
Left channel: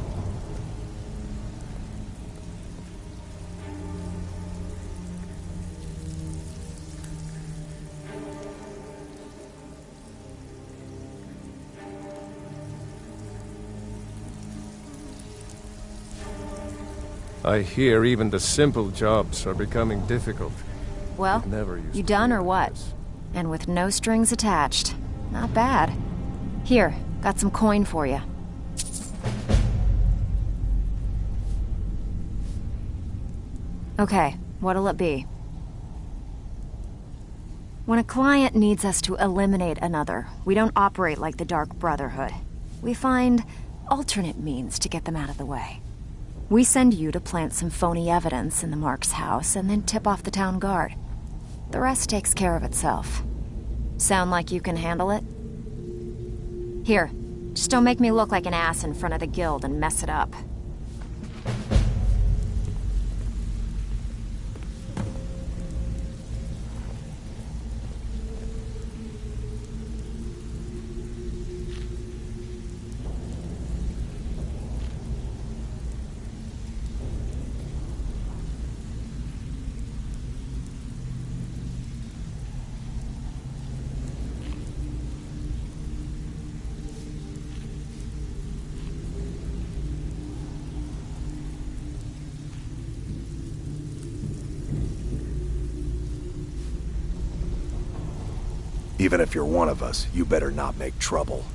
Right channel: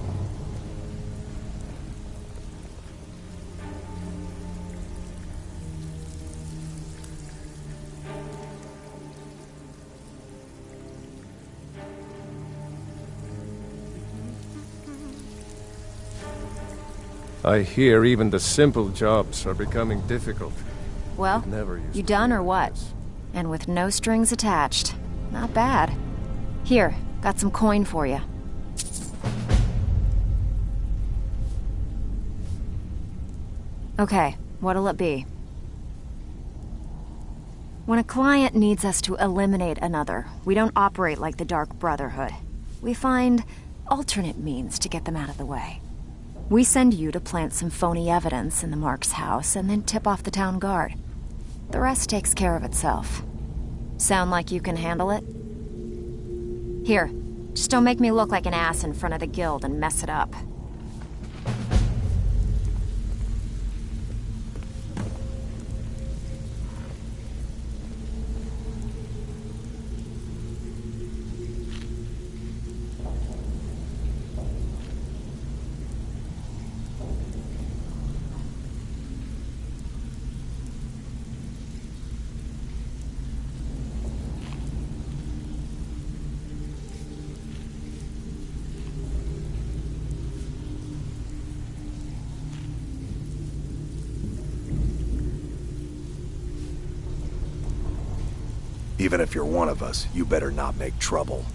I hear even the simple jobs are becoming difficult. Well, It never used you to done be or like what? this. And with no strings attached. Not bad. Here, got some coin for you. Okay, what'll it be? When a client needs us to eliminate another, we don't operate like the Dark Brotherhood. We find alternate means to get them out of the way. We send you to plant some phony evidence in the Mark's house and then tip off the town guard. The rest takes care of itself. Sound like you can handle it? Here, just don't make me look like an ass in front of the guild and mess it up. Even if you're one of us, you better not make trouble.